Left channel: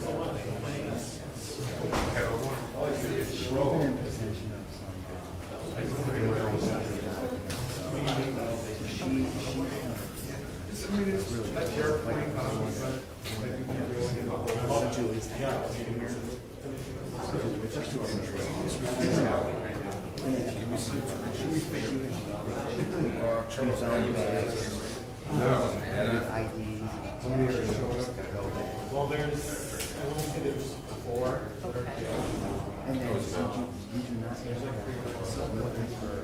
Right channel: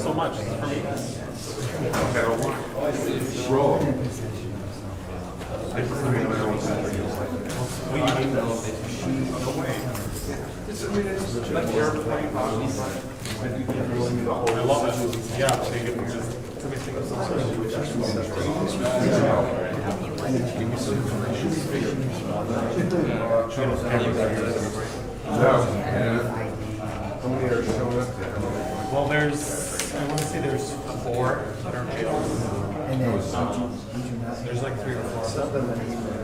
So much. I love it. Yeah, they get well, I want to say there's 4 that are jailed. There's like 3 or 4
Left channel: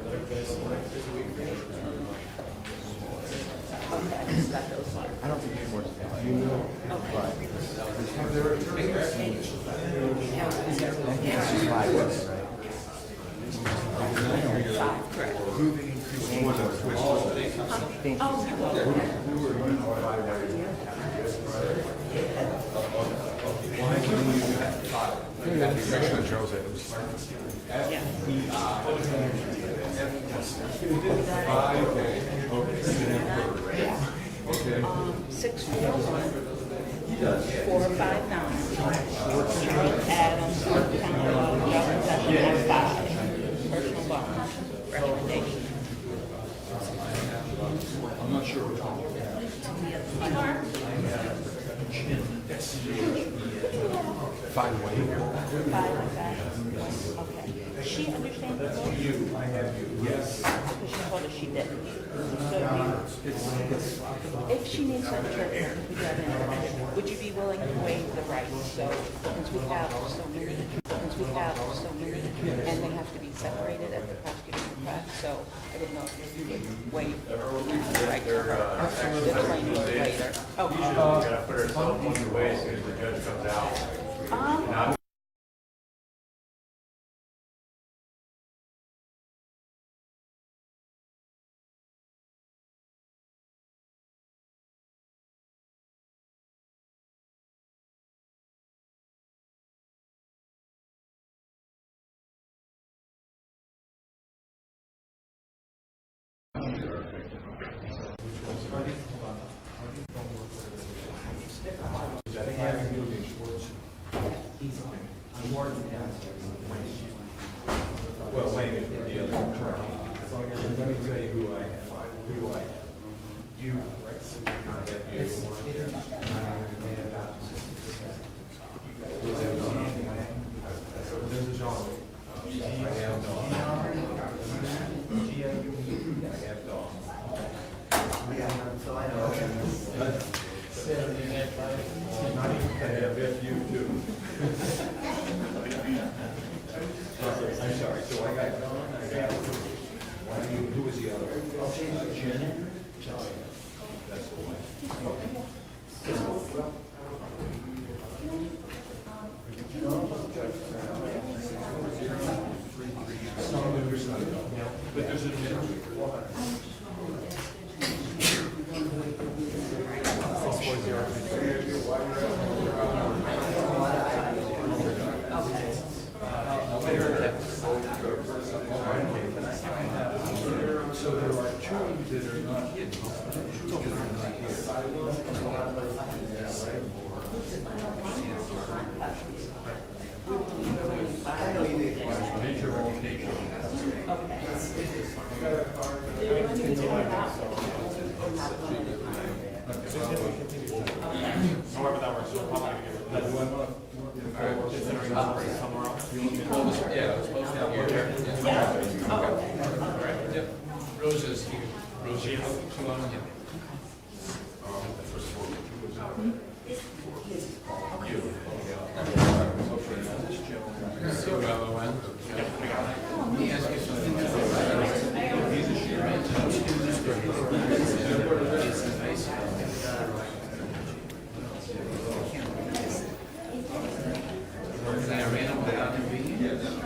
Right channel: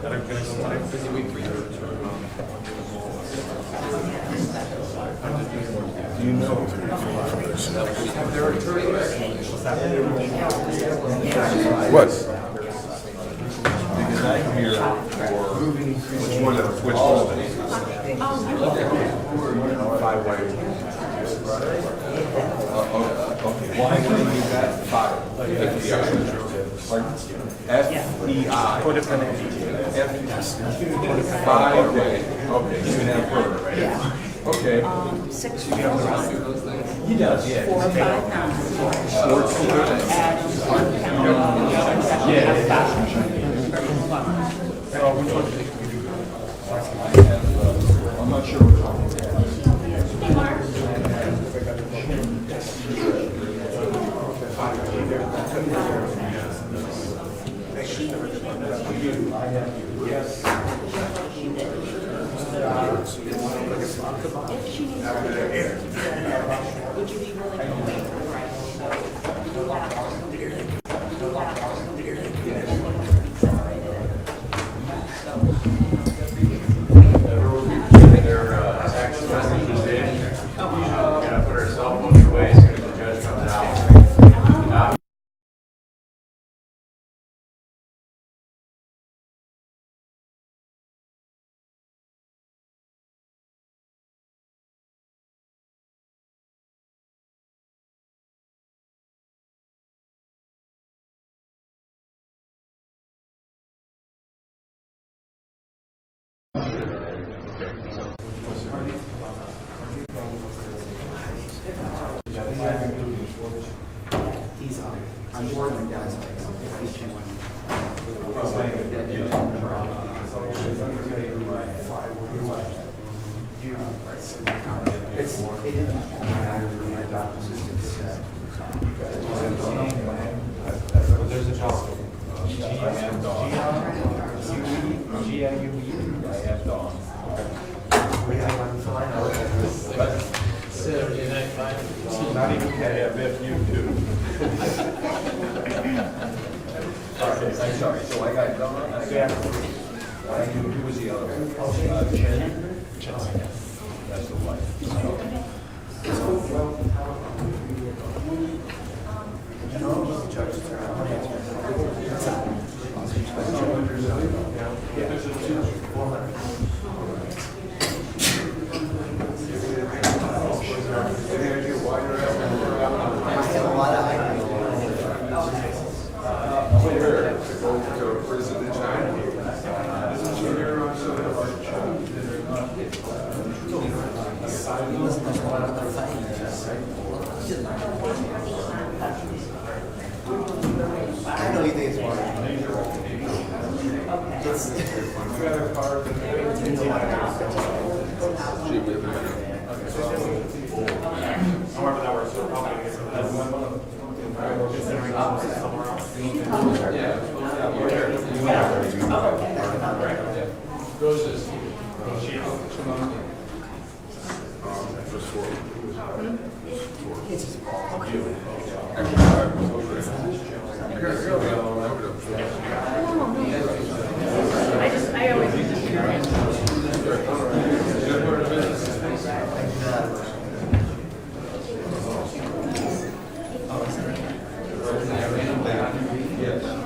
that are finished today. Do you know? What? Which one of which Why do you got 5? F-E-I. F-5. Okay. Okay. You can have her, right? Yeah. Okay. 6 He does, yeah. 4 or 5 pounds. Schwartz. I'm not sure which one. If she needs to be here, would you be willing to wait for the right? So we have to be separated. I'm sorry. So I got Chen. Who was the other one? Chen. That's the wife. Yes.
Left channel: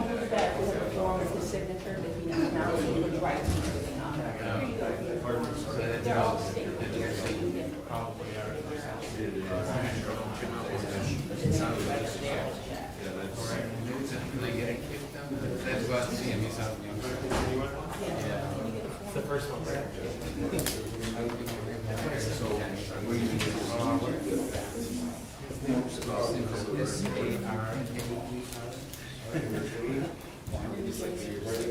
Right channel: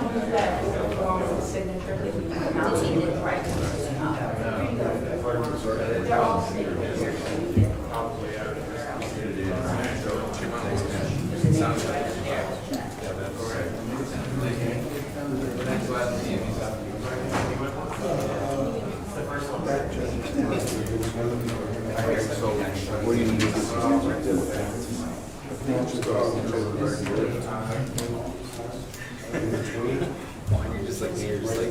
You're just like me, you're just like.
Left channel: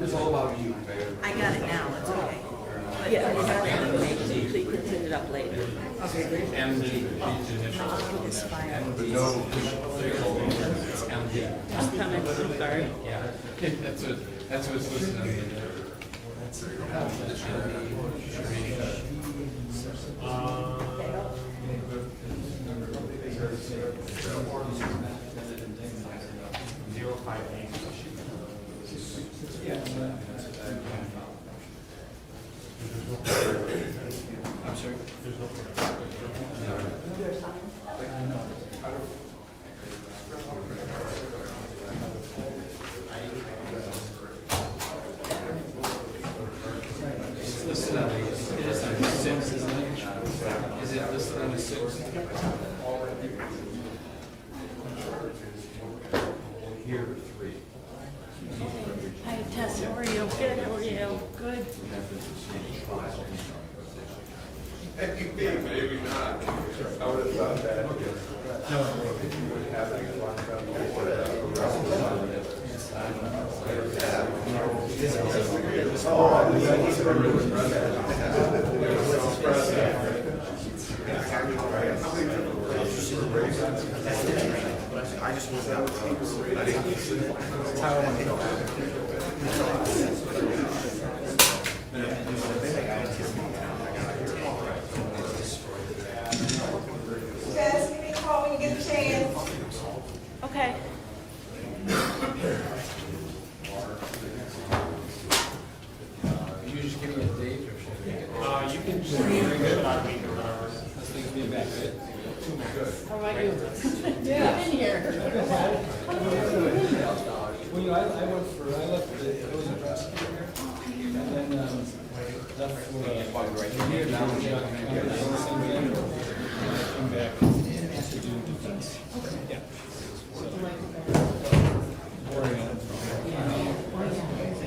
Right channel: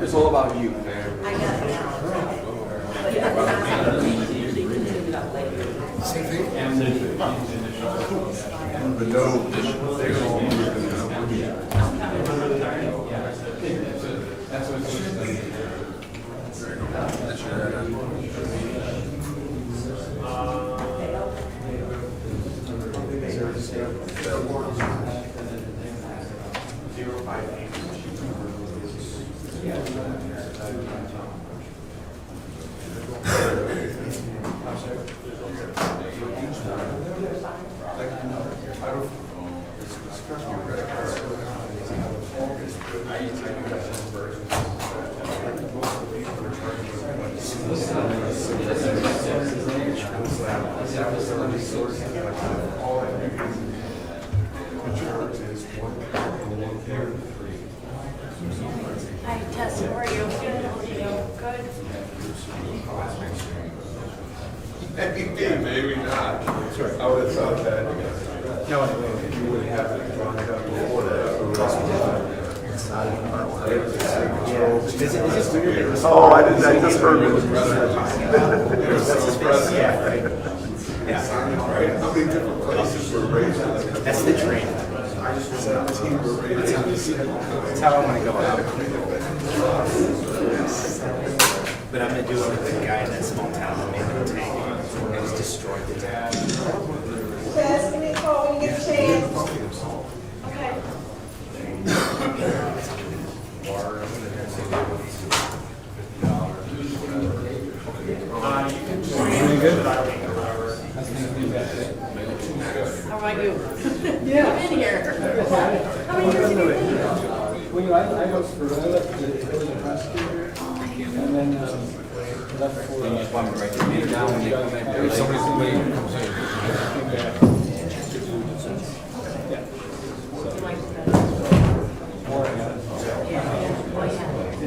It's all about you. I got it now. Yeah, I usually can pick it up later. Hi, Jess, how are you? Good. Maybe not. I would have thought that. You would have to draw down before that. Oh, I didn't, I just heard it. How many different places were raised? That's the dream. That's how I want to go out. But I'm going to do it with a guy in that small town that made a tank and just destroyed the town. Jess, give me a call when you get a chance. Okay. How about you? Yeah. In here. How many years have you been here? Well, I worked for, I left the village prosecutor, and then left for.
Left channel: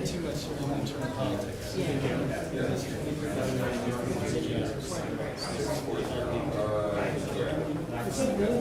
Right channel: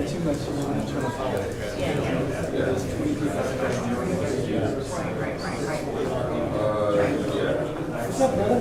Too much internal politics. There's too many people. What's up, brother?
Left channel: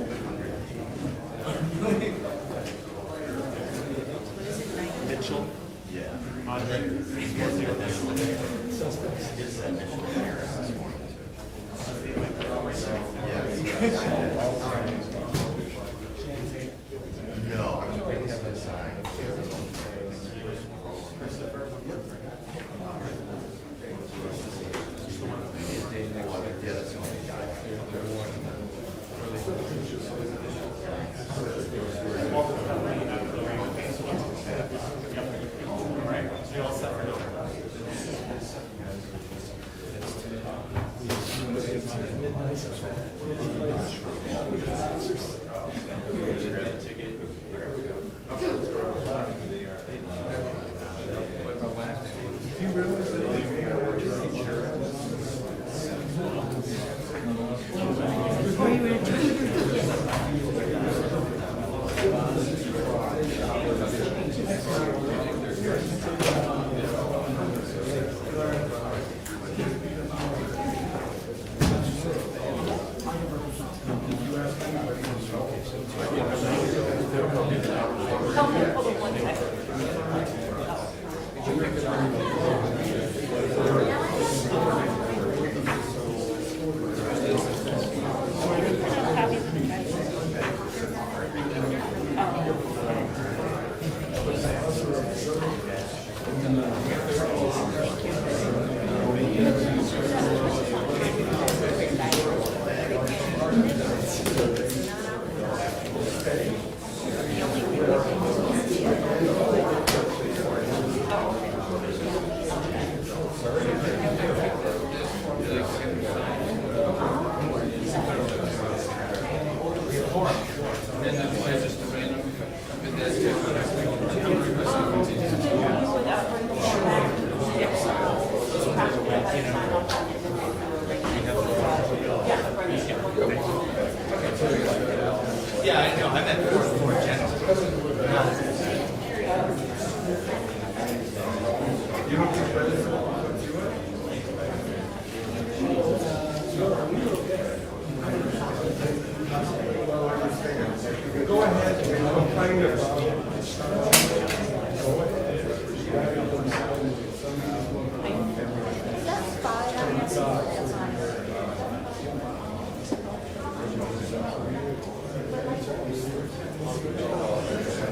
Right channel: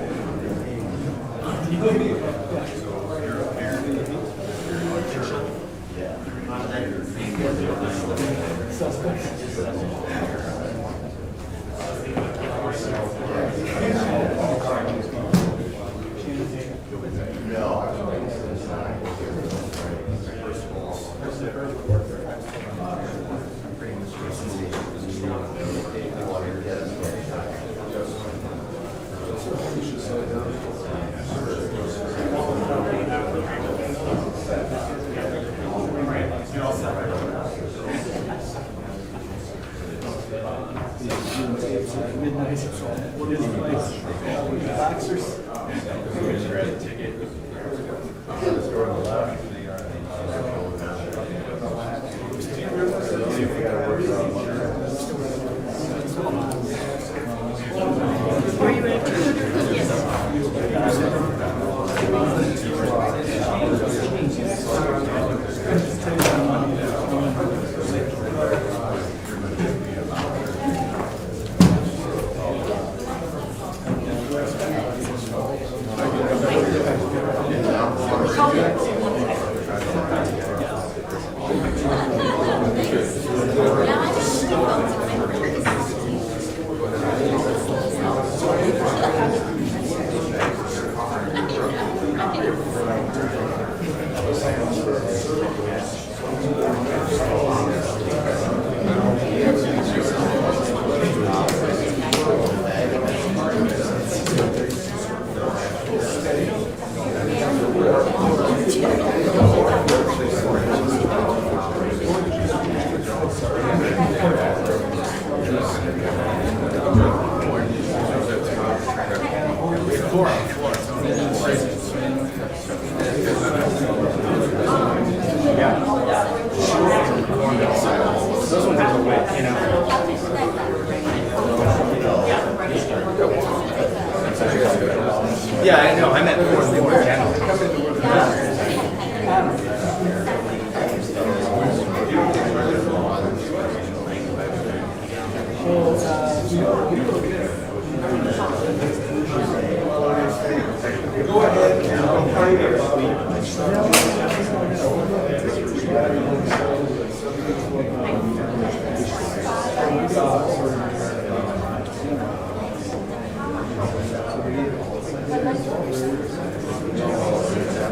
Yeah, I know. I meant more general.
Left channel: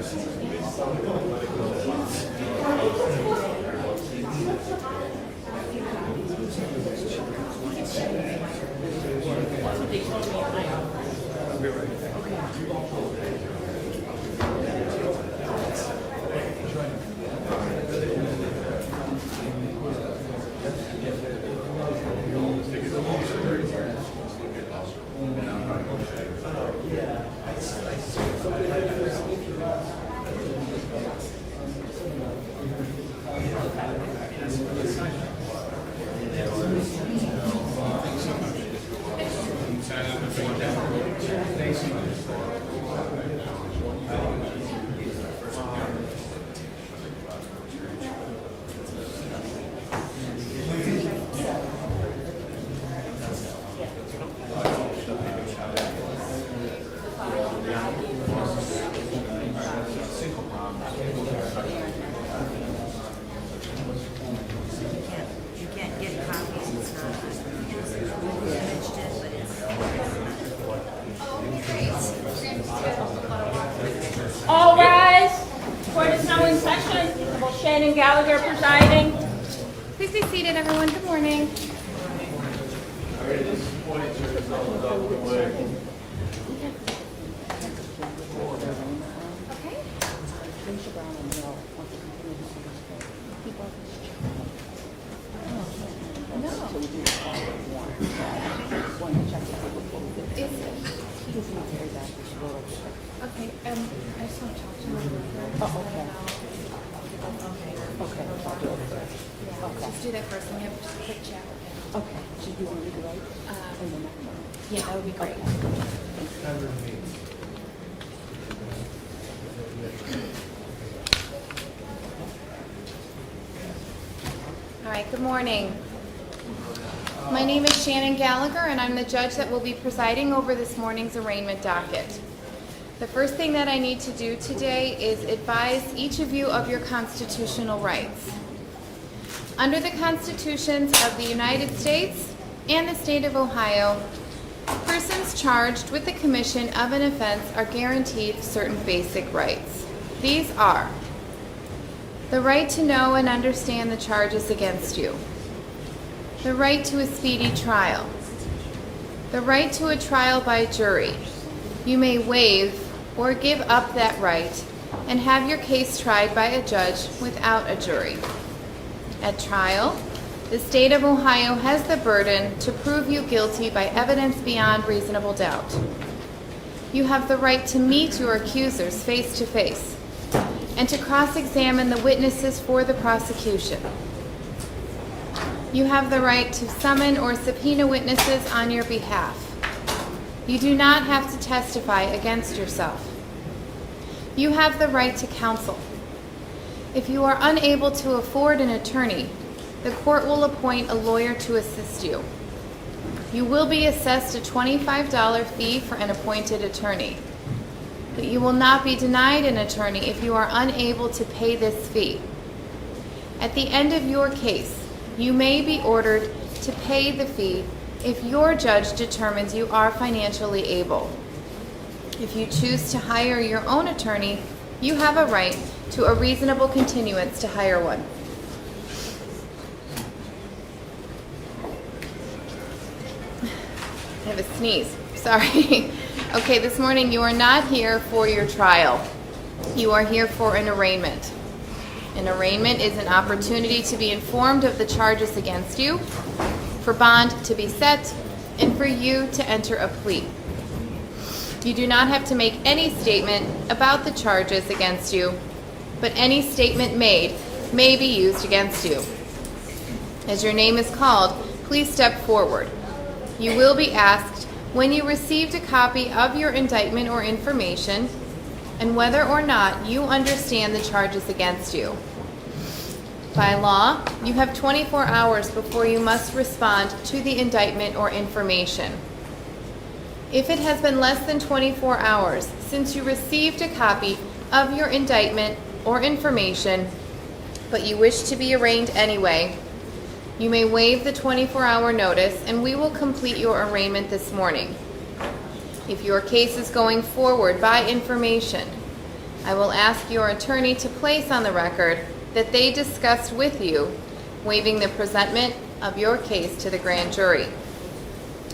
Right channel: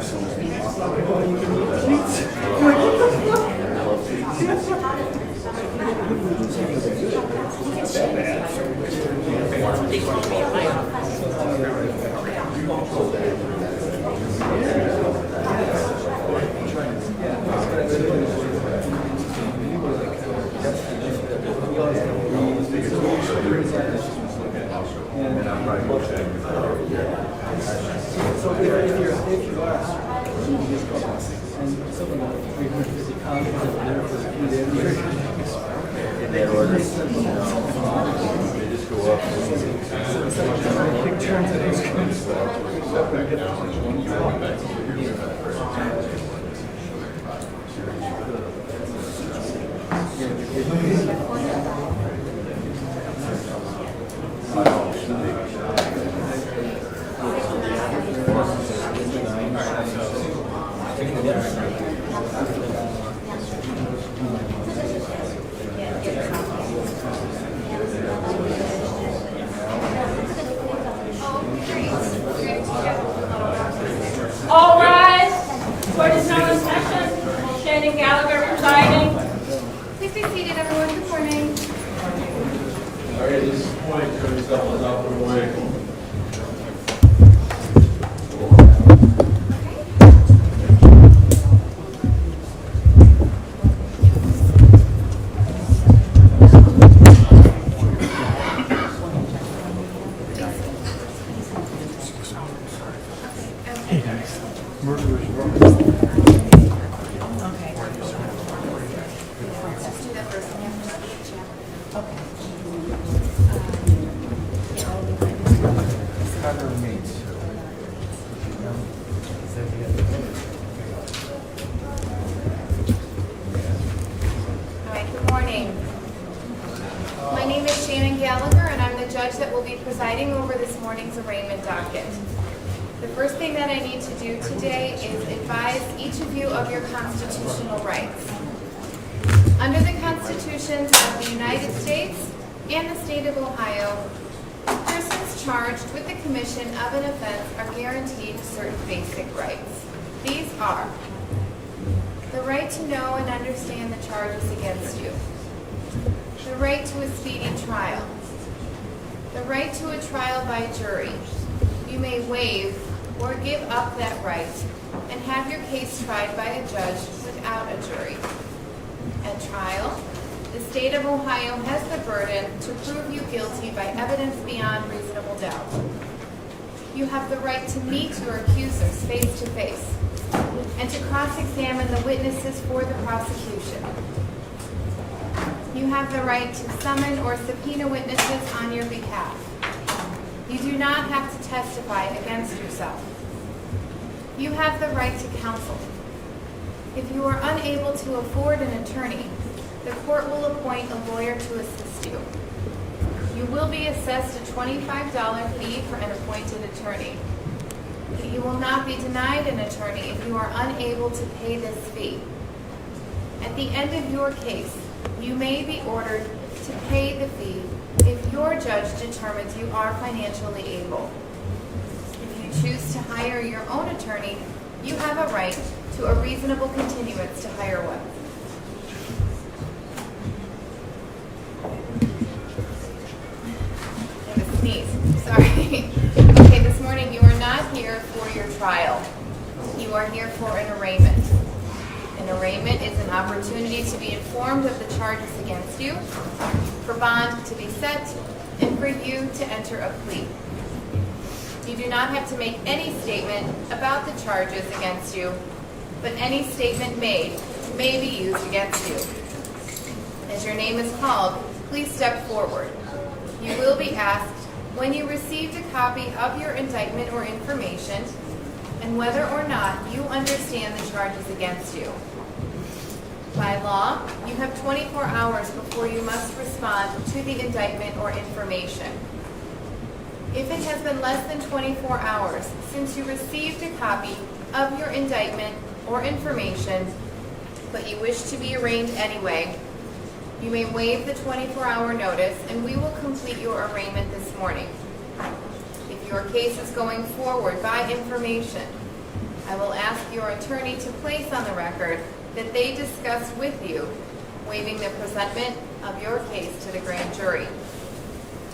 So if you are, and something like 350 pounds of dinner for 3 days. In order, they just go up. All rise. Court is now in session. Chen and Gallagher presiding. Please be seated, everyone. Good morning. All right, this is point, turn yourself out of the way. Let's do that first. And then we'll just check. Okay. Yeah, that would be great. All right, good morning. My name is Shannon Gallagher, and I'm the judge that will be presiding over this morning's arraignment docket. The first thing that I need to do today is advise each of you of your constitutional rights. Under the constitutions of the United States and the state of Ohio, persons charged with the commission of an offense are guaranteed certain basic rights. These are the right to know and understand the charges against you, the right to a speedy trial, the right to a trial by jury. You may waive or give up that right and have your case tried by a judge without a jury. At trial, the state of Ohio has the burden to prove you guilty by evidence beyond reasonable doubt. You have the right to meet your accusers face to face and to cross-examine the witnesses for the prosecution. You have the right to summon or subpoena witnesses on your behalf. You do not have to testify against yourself. You have the right to counsel. If you are unable to afford an attorney, the court will appoint a lawyer to assist you. You will be assessed a $25 fee for an appointed attorney. But you will not be denied an attorney if you are unable to pay this fee. At the end of your case, you may be ordered to pay the fee if your judge determines you are financially able. If you choose to hire your own attorney, you have a right to a reasonable continuance to hire one. I have a sneeze. Sorry. Okay, this morning you are not here for your trial. You are here for an arraignment. An arraignment is an opportunity to be informed of the charges against you, for bond to be set, and for you to enter a plea. You do not have to make any statement about the charges against you, but any statement made may be used against you. As your name is called, please step forward. You will be asked when you received a copy of your indictment or information, and whether or not you understand the charges against you. By law, you have 24 hours before you must respond to the indictment or information. If it has been less than 24 hours since you received a copy of your indictment or information, but you wish to be arraigned anyway, you may waive the 24-hour notice and we will complete your arraignment this morning. If your case is going forward by information, I will ask your attorney to place on the record that they discussed with you waiving the presentment of your case to the grand jury.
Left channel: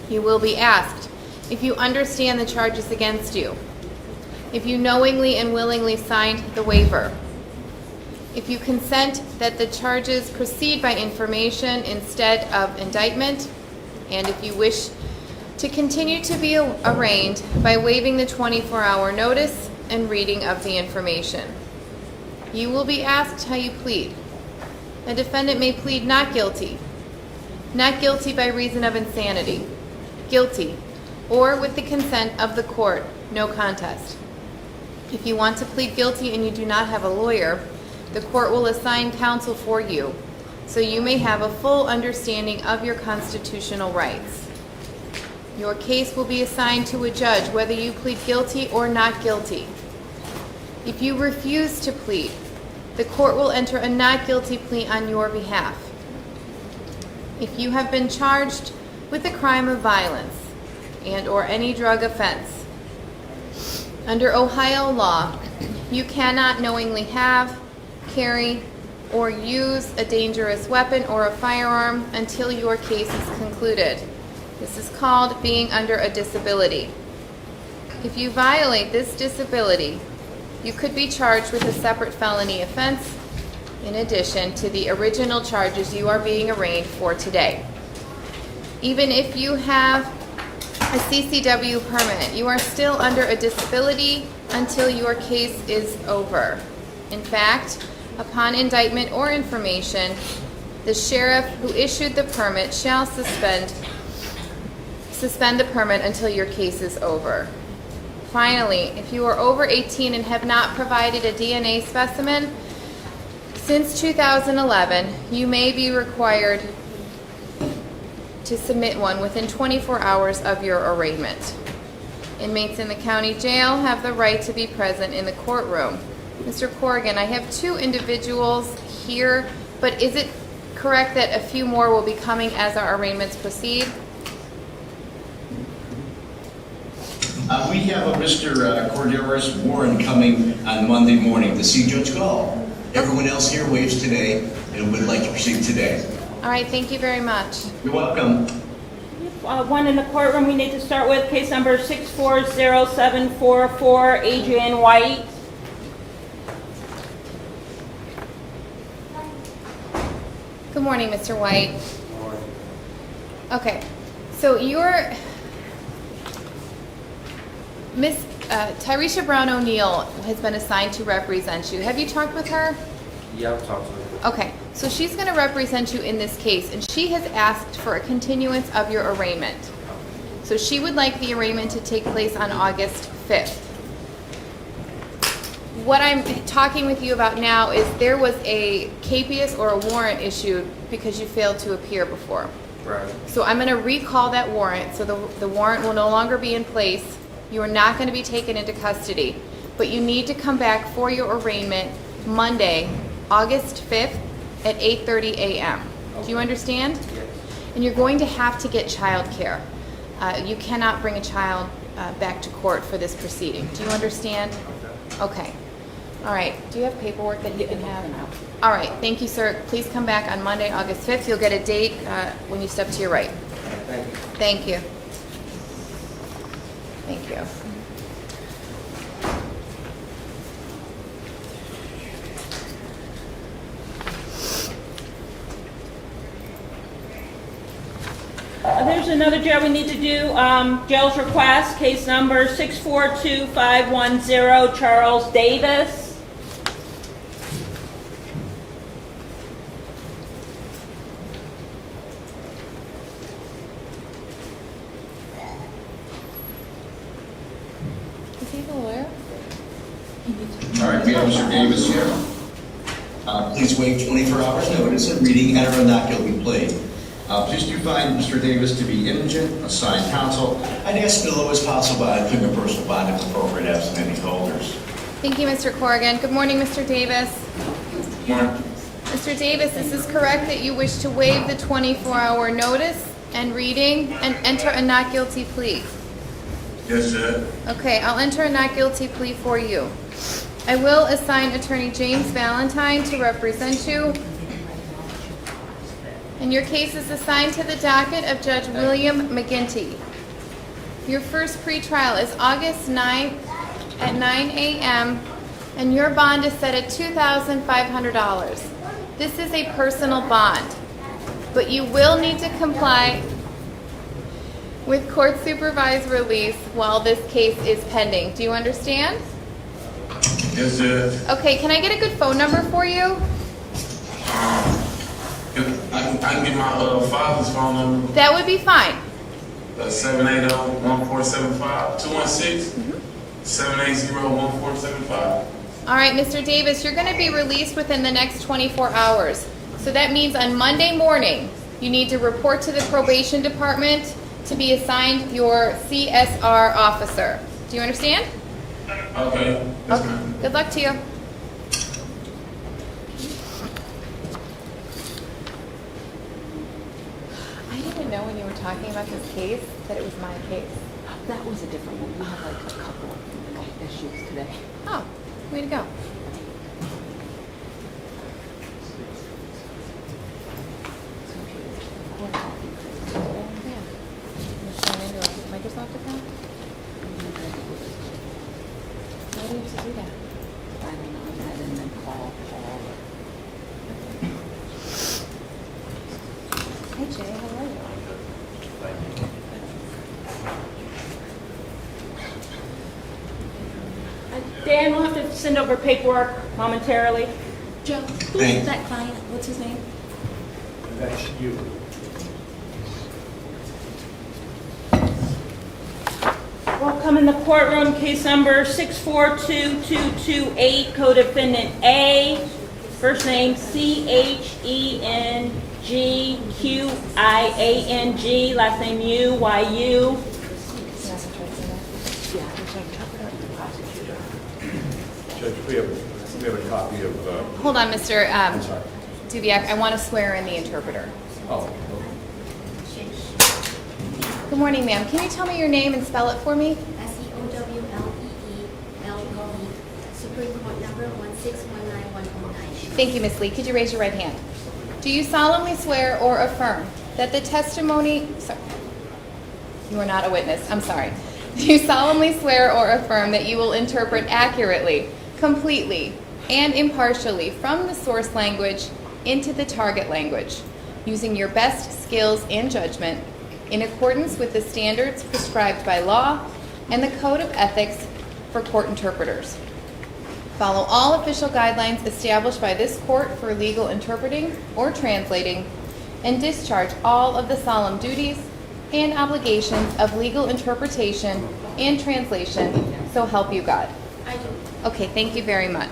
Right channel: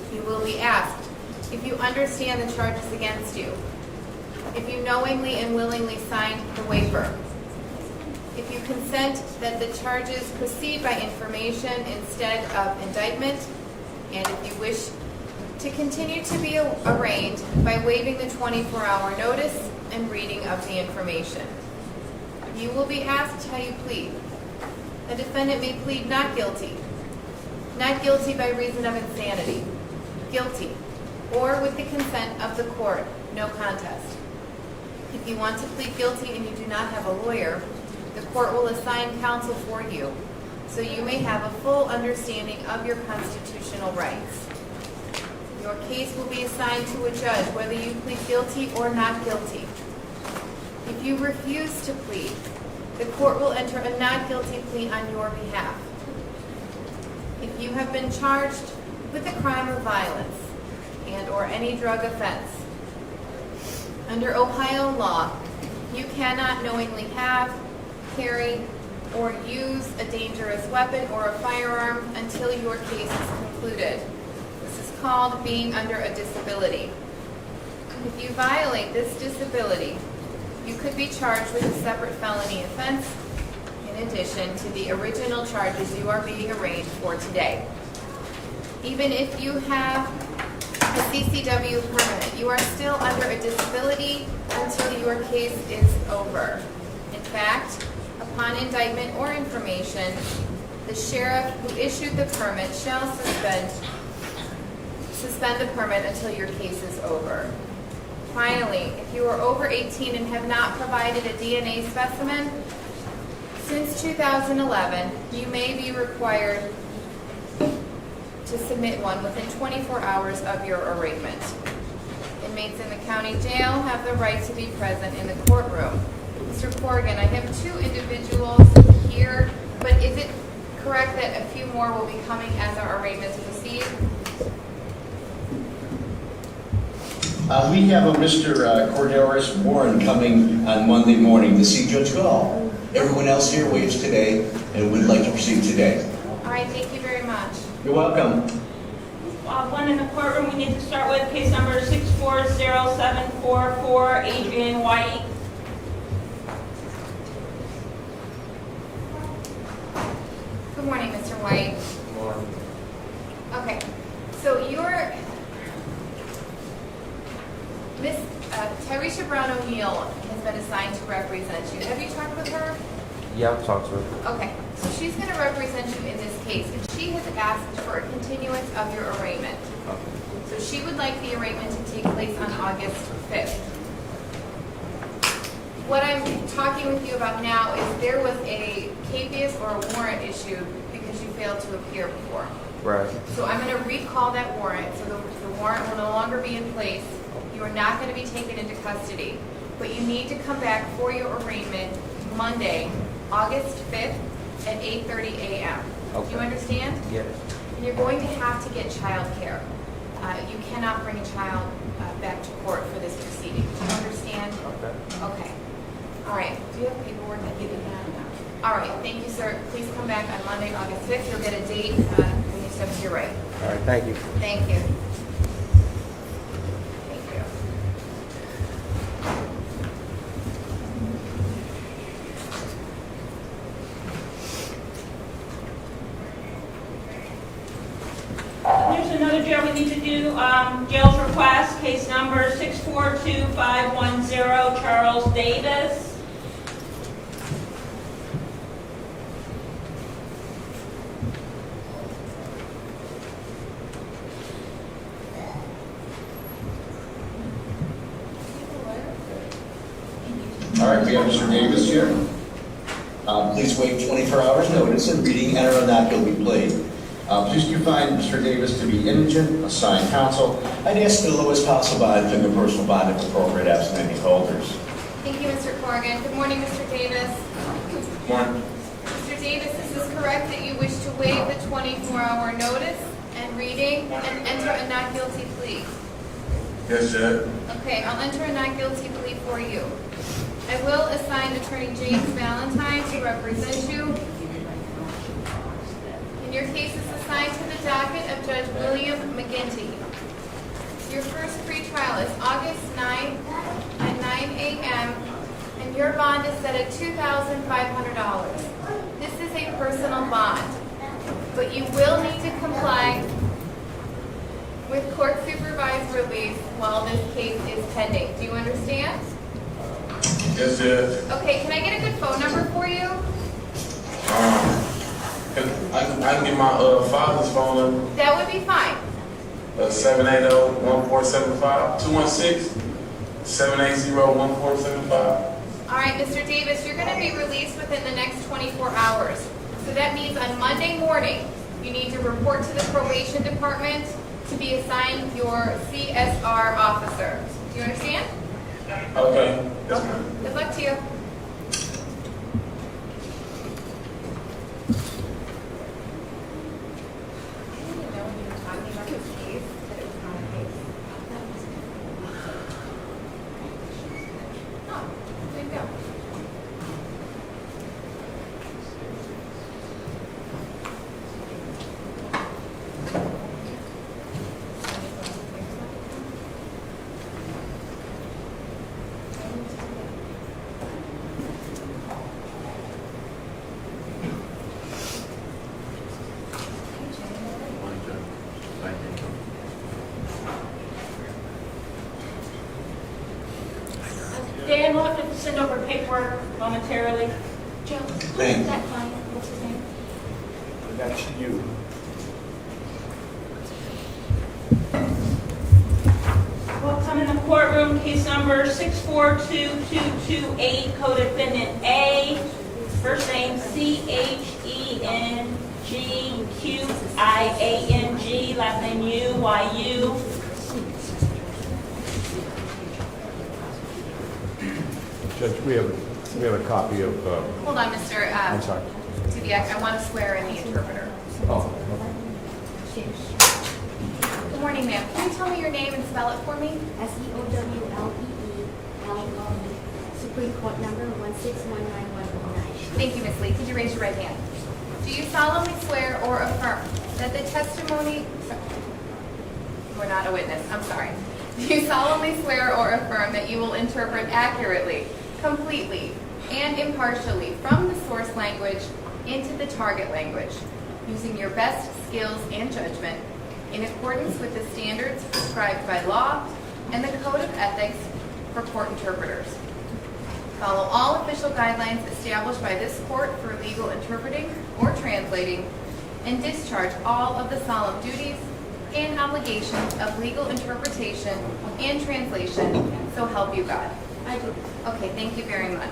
You will be asked if you understand the charges against you, if you knowingly and willingly signed the waiver, if you consent that the charges proceed by information instead of indictment, and if you wish to continue to be arraigned by waiving the 24-hour notice and reading of the information. You will be asked how you plead. A defendant may plead not guilty by reason of insanity, guilty, or with the consent of the court, no contest. If you want to plead guilty and you do not have a lawyer, the court will assign counsel for you, so you may have a full understanding of your constitutional rights. Your case will be assigned to a judge whether you plead guilty or not guilty. If you refuse to plead, the court will enter a not guilty plea on your behalf. If you have been charged with a crime of violence and or any drug offense, under Ohio law, you cannot knowingly have, carry, or use a dangerous weapon or a firearm until your case is concluded. This is called being under a disability. If you violate this disability, you could be charged with a separate felony offense in addition to the original charges you are being arraigned for today. Even if you have a CCW permit, you are still under a disability until your case is over. In fact, upon indictment or information, the sheriff who issued the permit shall suspend the permit until your case is over. Finally, if you are over 18 and have not provided a DNA specimen since 2011, you may be required to submit one within 24 hours of your arraignment. Inmates in the county jail have the right to be present in the courtroom. Mr. Corrigan, I have 2 individuals here, but is it correct that a few more will be coming as our arraignments proceed? We have a Mr. Cordelis Warren coming on Monday morning to see Judge Gall. Everyone else here waives today and would like to proceed today. All right, thank you very much. You're welcome. One in the courtroom we need to start with, case number 640744, Adrian White. Good morning, Mr. White. Okay, so you're Miss Tyresha Brown O'Neill has been assigned to represent you. Have you talked with her? Yeah, I've talked to her. Okay, so she's going to represent you in this case, and she has asked for a continuance of your arraignment. So she would like the arraignment to take place on August 5th. What I'm talking with you about now is there was a capias or a warrant issued because you failed to appear before. Right. So I'm going to recall that warrant, so the warrant will no longer be in place. You are not going to be taken into custody, but you need to come back for your arraignment Monday, August 5th at 8:30 a.m. Okay. Do you understand? Yes. And you're going to have to get child care. You cannot bring a child back to court for this proceeding. Do you understand? Okay. Okay. All right. Do you have paperwork that you can have? All right. Thank you, sir. Please come back on Monday, August 5th. You'll get a date when you step to your right. All right, thank you. Thank you. Thank you. There's another jail we need to do. Jail's request, case number 642510, Charles Davis. Is he the lawyer? All right, we have Mr. Davis here. Please waive 24 hours notice and reading enter a not guilty plea. Please do find Mr. Davis to be indigent, assign counsel. I'd ask for the lowest possible bond and the personal bond if appropriate, absent any holders. Thank you, Mr. Corrigan. Good morning, Mr. Davis. Good morning. Mr. Davis, is this correct that you wish to waive the 24-hour notice and reading and enter a not guilty plea? Yes, sir. Okay, I'll enter a not guilty plea for you. I will assign Attorney James Valentine to represent you. And your case is assigned to the docket of Judge William McGinty. Your first pretrial is August 9th at 9 a.m. and your bond is set at $2,500. This is a personal bond, but you will need to comply with court supervised release while this case is pending. Do you understand? Yes, Judge. Okay, can I get a good phone number for you? I can get my father's phone number. That would be fine. 780-1475, 216-780-1475. All right, Mr. Davis, you're going to be released within the next 24 hours. So that means on Monday morning, you need to report to the probation department to be assigned your CSR officer. Do you understand? Okay. Yes, Okay. ma'am. Good luck to you. I didn't know when you were talking about this case that it was my case. That was a different one. We had like a couple. Okay, that she was today. Oh, way to go. Dan, we'll have to send over paperwork momentarily. Joe, who's Thanks. that client? What's his name? That's you. Welcome in the courtroom, case number 642228, co-defendant A, first name CHENGQIANG, last name U-Y-U. Judge, we have a copy of, Hold on, Mr. I'm sorry. Dubiak. I want to swear in the interpreter. Oh, Good morning, ma'am. Can you tell me your name and spell it for me? SEOWLEELLE, Supreme Court number 1619119. Thank you, Ms. Lee. Could you raise your right hand? Do you solemnly swear or affirm that the testimony... Sorry. You are not a witness. I'm sorry. Do you solemnly swear or affirm that you will interpret accurately, completely, and impartially from the source language into the target language, using your best skills and judgment, in accordance with the standards prescribed by law and the Code of Ethics for court interpreters? Follow all official guidelines established by this court for legal interpreting or translating, and discharge all of the solemn duties and obligations of legal interpretation and translation, so help you God. I do. Okay, thank you very much.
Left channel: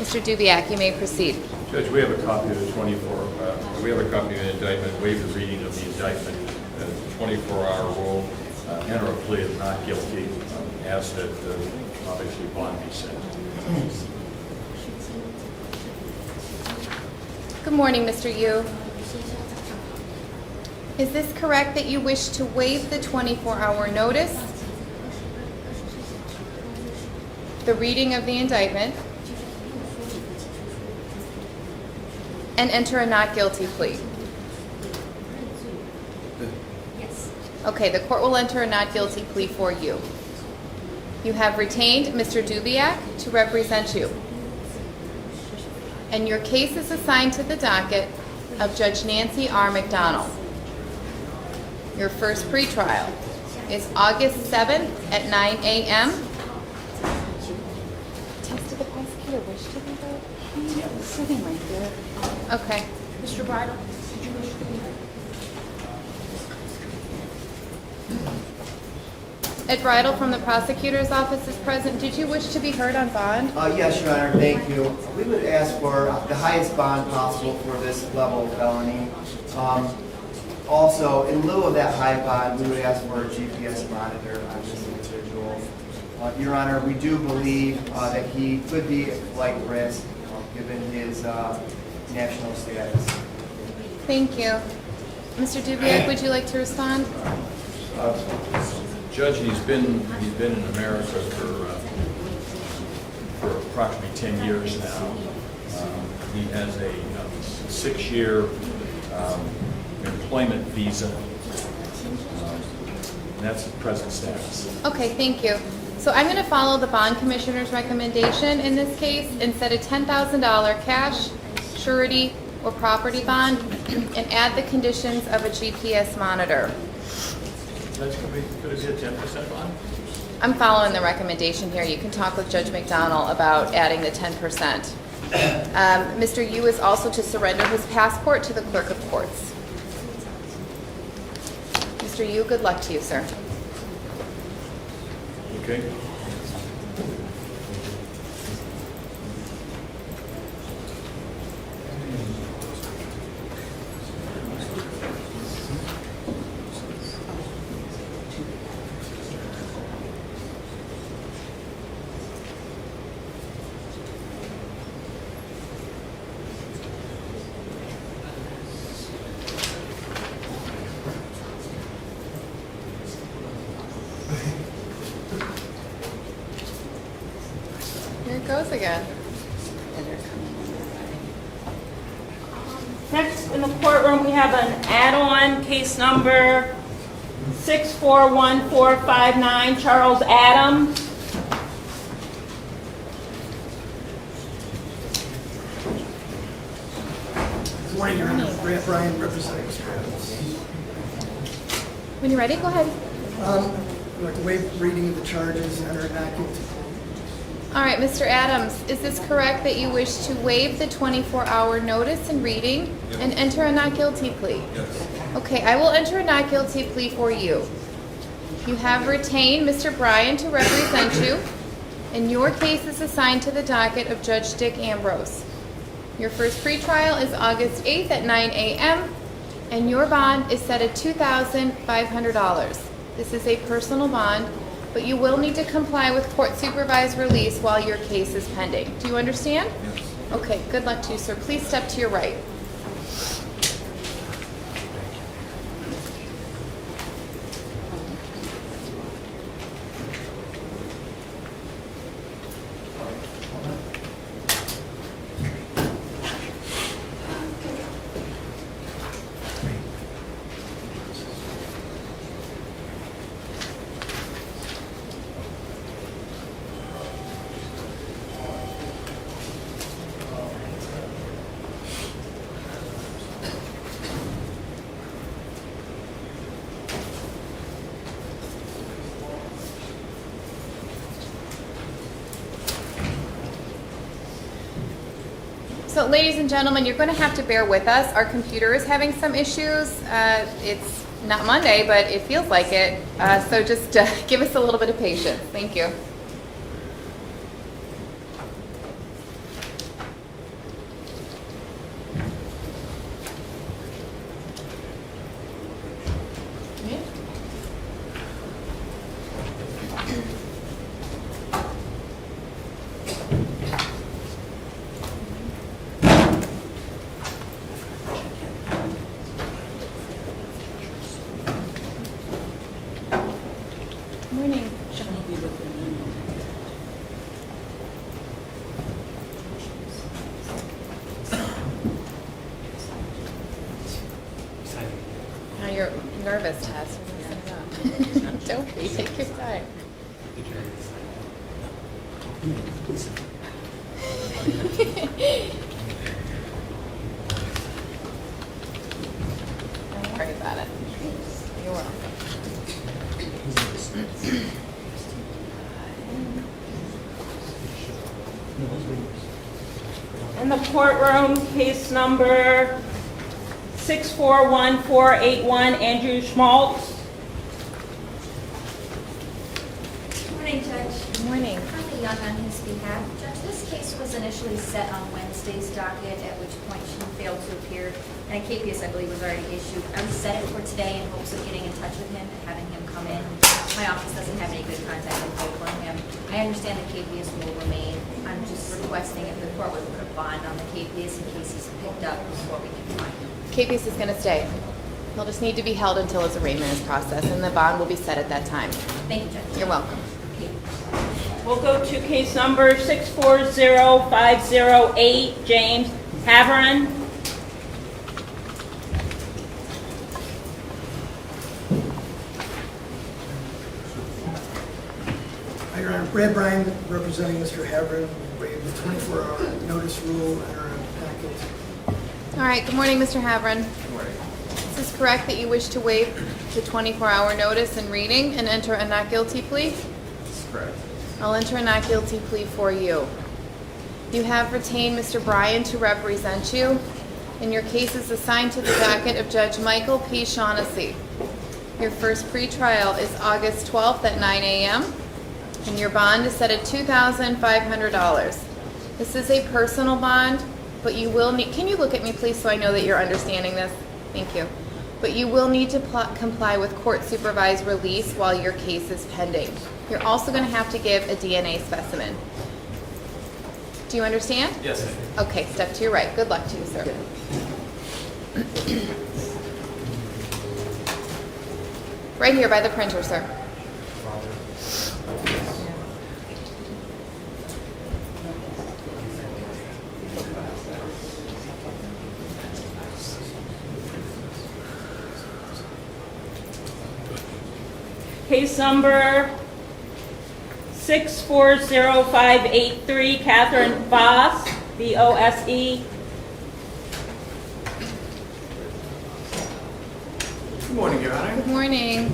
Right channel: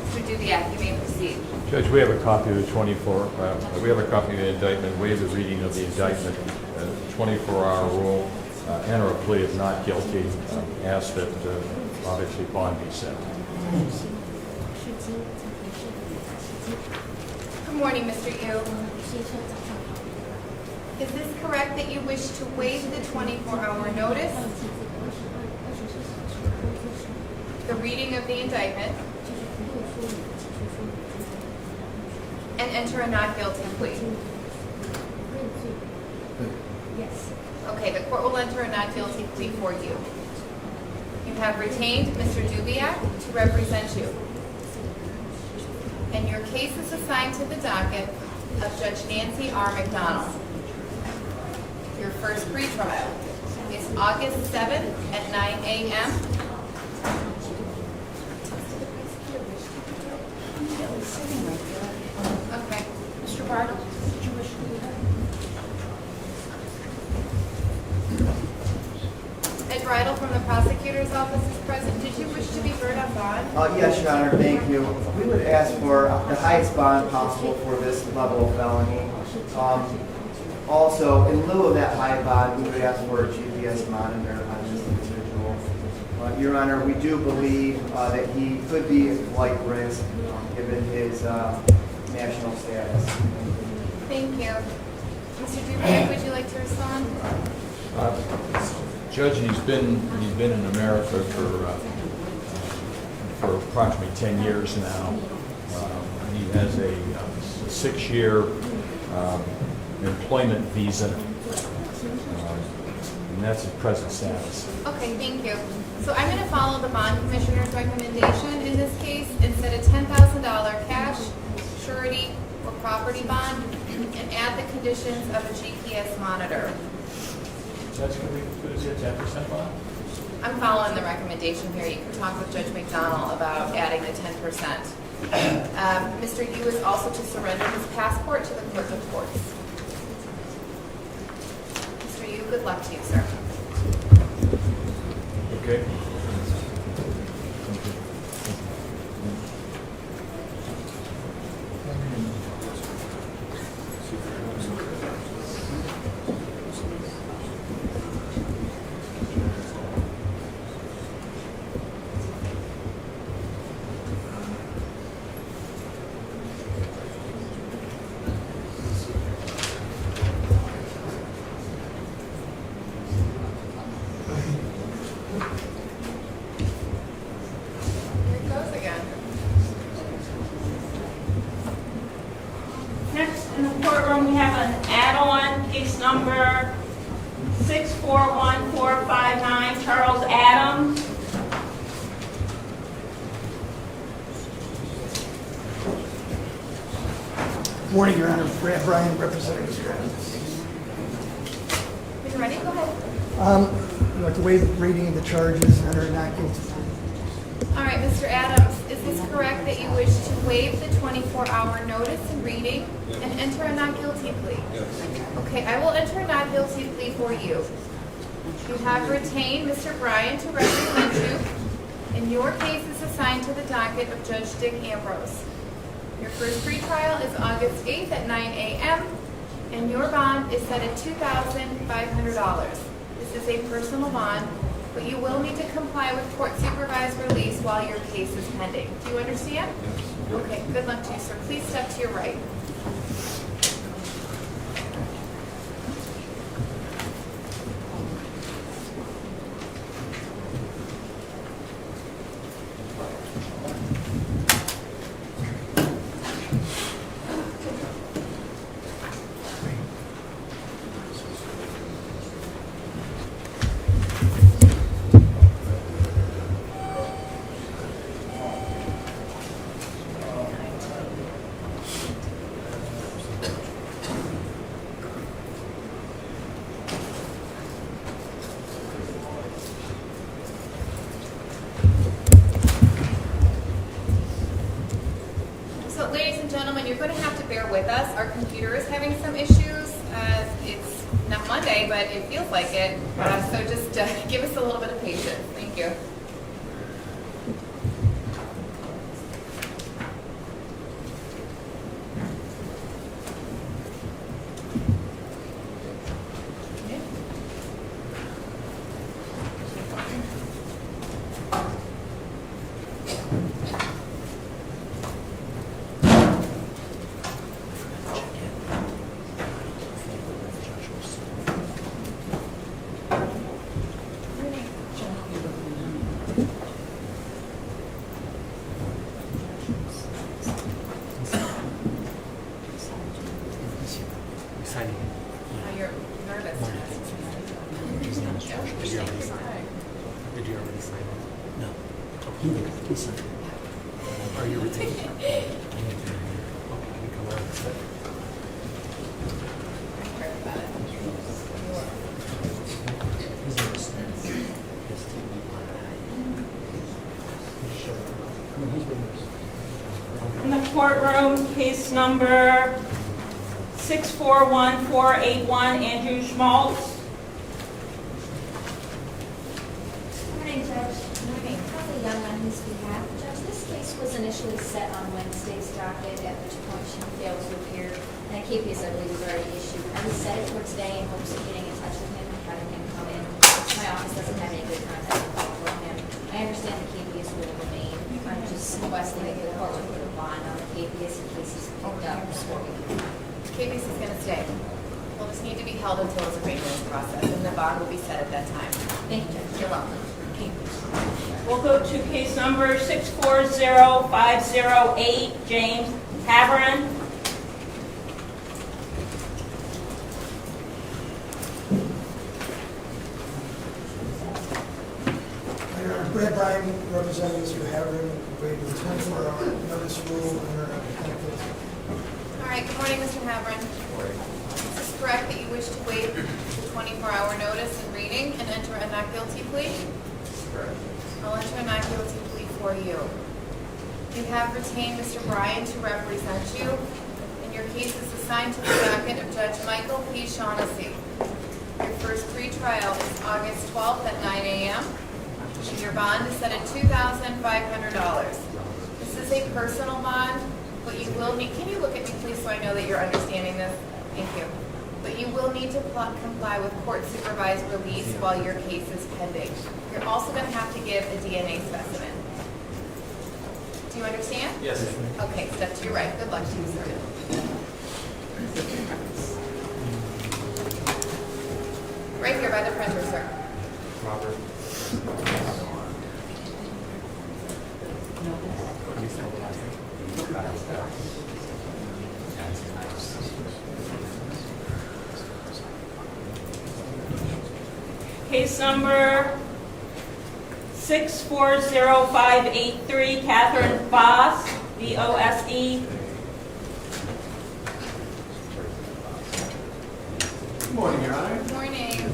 Mr. Dubiak, you may proceed. Judge, we have a copy of the 24, of the indictment, waive the reading of the indictment, 24-hour rule, enter a plea of not guilty, ask that obviously bond be set. Good morning, Mr. Yu. Is this correct that you wish to waive the 24-hour notice, the reading of the indictment, and enter a not guilty plea? Yes. Okay, the court will enter a not guilty plea for you. You have retained Mr. Dubiak to represent you. And your case is assigned to the docket of Judge Nancy R. McDonald. Your first pretrial is August 7th at 9 a.m. Okay. Mr. Bardell, did you wish to be heard? Ed Bridle from the prosecutor's office is present. Did you wish to be heard on bond? Yes, Your Honor, thank you. We would ask for the highest bond possible for this level of felony. Also, in lieu of that high bond, we would ask for a GPS bond and verify this individual. Your Honor, we do believe that he could be a flight risk given his national status. Thank you. Mr. Dubiak, would you like to respond? Judge, he's been in America for for approximately 10 years now. He has a 6-year employment visa, and that's his present status. Okay, thank you. So I'm going to follow the bond commissioner's recommendation in this case and set a $10,000 cash, surety, or property bond, and add the conditions of a GPS monitor. Judge, could it be a 10% bond? I'm following the recommendation here. You can talk with Judge McDonnell about adding the 10%. Mr. Yu is also to surrender his passport to the clerk of courts. Mr. Yu, good luck to you, sir. Okay. Again. Next in the courtroom, we have an add-on, case number 641459, Charles Adams. Good morning, Your Honor. Brad Bryant, representing Mr. Adams. When you're ready, go ahead. I'd like to waive reading of the charges and enter a not guilty plea. All right, Mr. Adams, is this correct that you wish to waive the 24-hour notice and reading and enter a not guilty plea? Yes. Okay, I will enter a not guilty plea for you. You have retained Mr. Bryan to represent you, and your case is assigned to the docket of Judge Dick Ambrose. Your first pretrial is August 8th at 9 a.m., and your bond is set at $2,500. This is a personal bond, but you will need to comply with court supervised release while your case is pending. Do you understand? Yes. Okay, good luck to you, sir. Please step to your right. So ladies and gentlemen, you're going to have to bear with us. Our computer is having some issues. It's not Monday, but it feels like it. So just give us a little bit of patience. Thank you. You're nervous, Tess. Don't be. Take your time. Did you already sign it? No. Don't worry about it. You're welcome. In the courtroom, case number 641481, Andrew Schwartz. Good morning, Judge. Good morning. Kathy Young on his behalf. Judge, this case was initially set on Wednesday's docket, at which point she failed to appear. And KPS, I believe, was already issued. I would set it for today in hopes of getting in touch with him and having him come in. My office doesn't have any good contact with him. I understand the KPS will remain. I'm just requesting if the court would put a bond on the KPS in case he's picked up before we can find him. KPS is going to stay. He'll just need to be held until his arraignment is processed, and the bond will be set at that time. Thank you, Judge. You're welcome. We'll go to case number 640508, James Haverin. Hi, Your Honor. Brad Bryan, representing Mr. Haverin, waived the 24-hour notice rule under Pentecost. All right, good morning, Mr. Haverin. Is this correct that you wish to waive the 24-hour notice and reading and enter a not guilty plea? Correct. I'll enter a not guilty plea for you. You have retained Mr. Bryan to represent you, and your case is assigned to the docket of Judge Michael P. Shaughnessy. Your first pretrial is August 12th at 9 a.m., and your bond is set at $2,500. This is a personal bond, but you will need, can you look at me please so I know that you're understanding this? Thank you. But you will need to comply with court supervised release while your case is pending. You're also going to have to give a DNA specimen. Do you understand? Yes, sir. Okay, step to your right. Good luck to you, sir. Right here by the printer, sir. Case number 640583, Katherine Voss, V-O-S-E. Good morning, Your Honor. Good morning.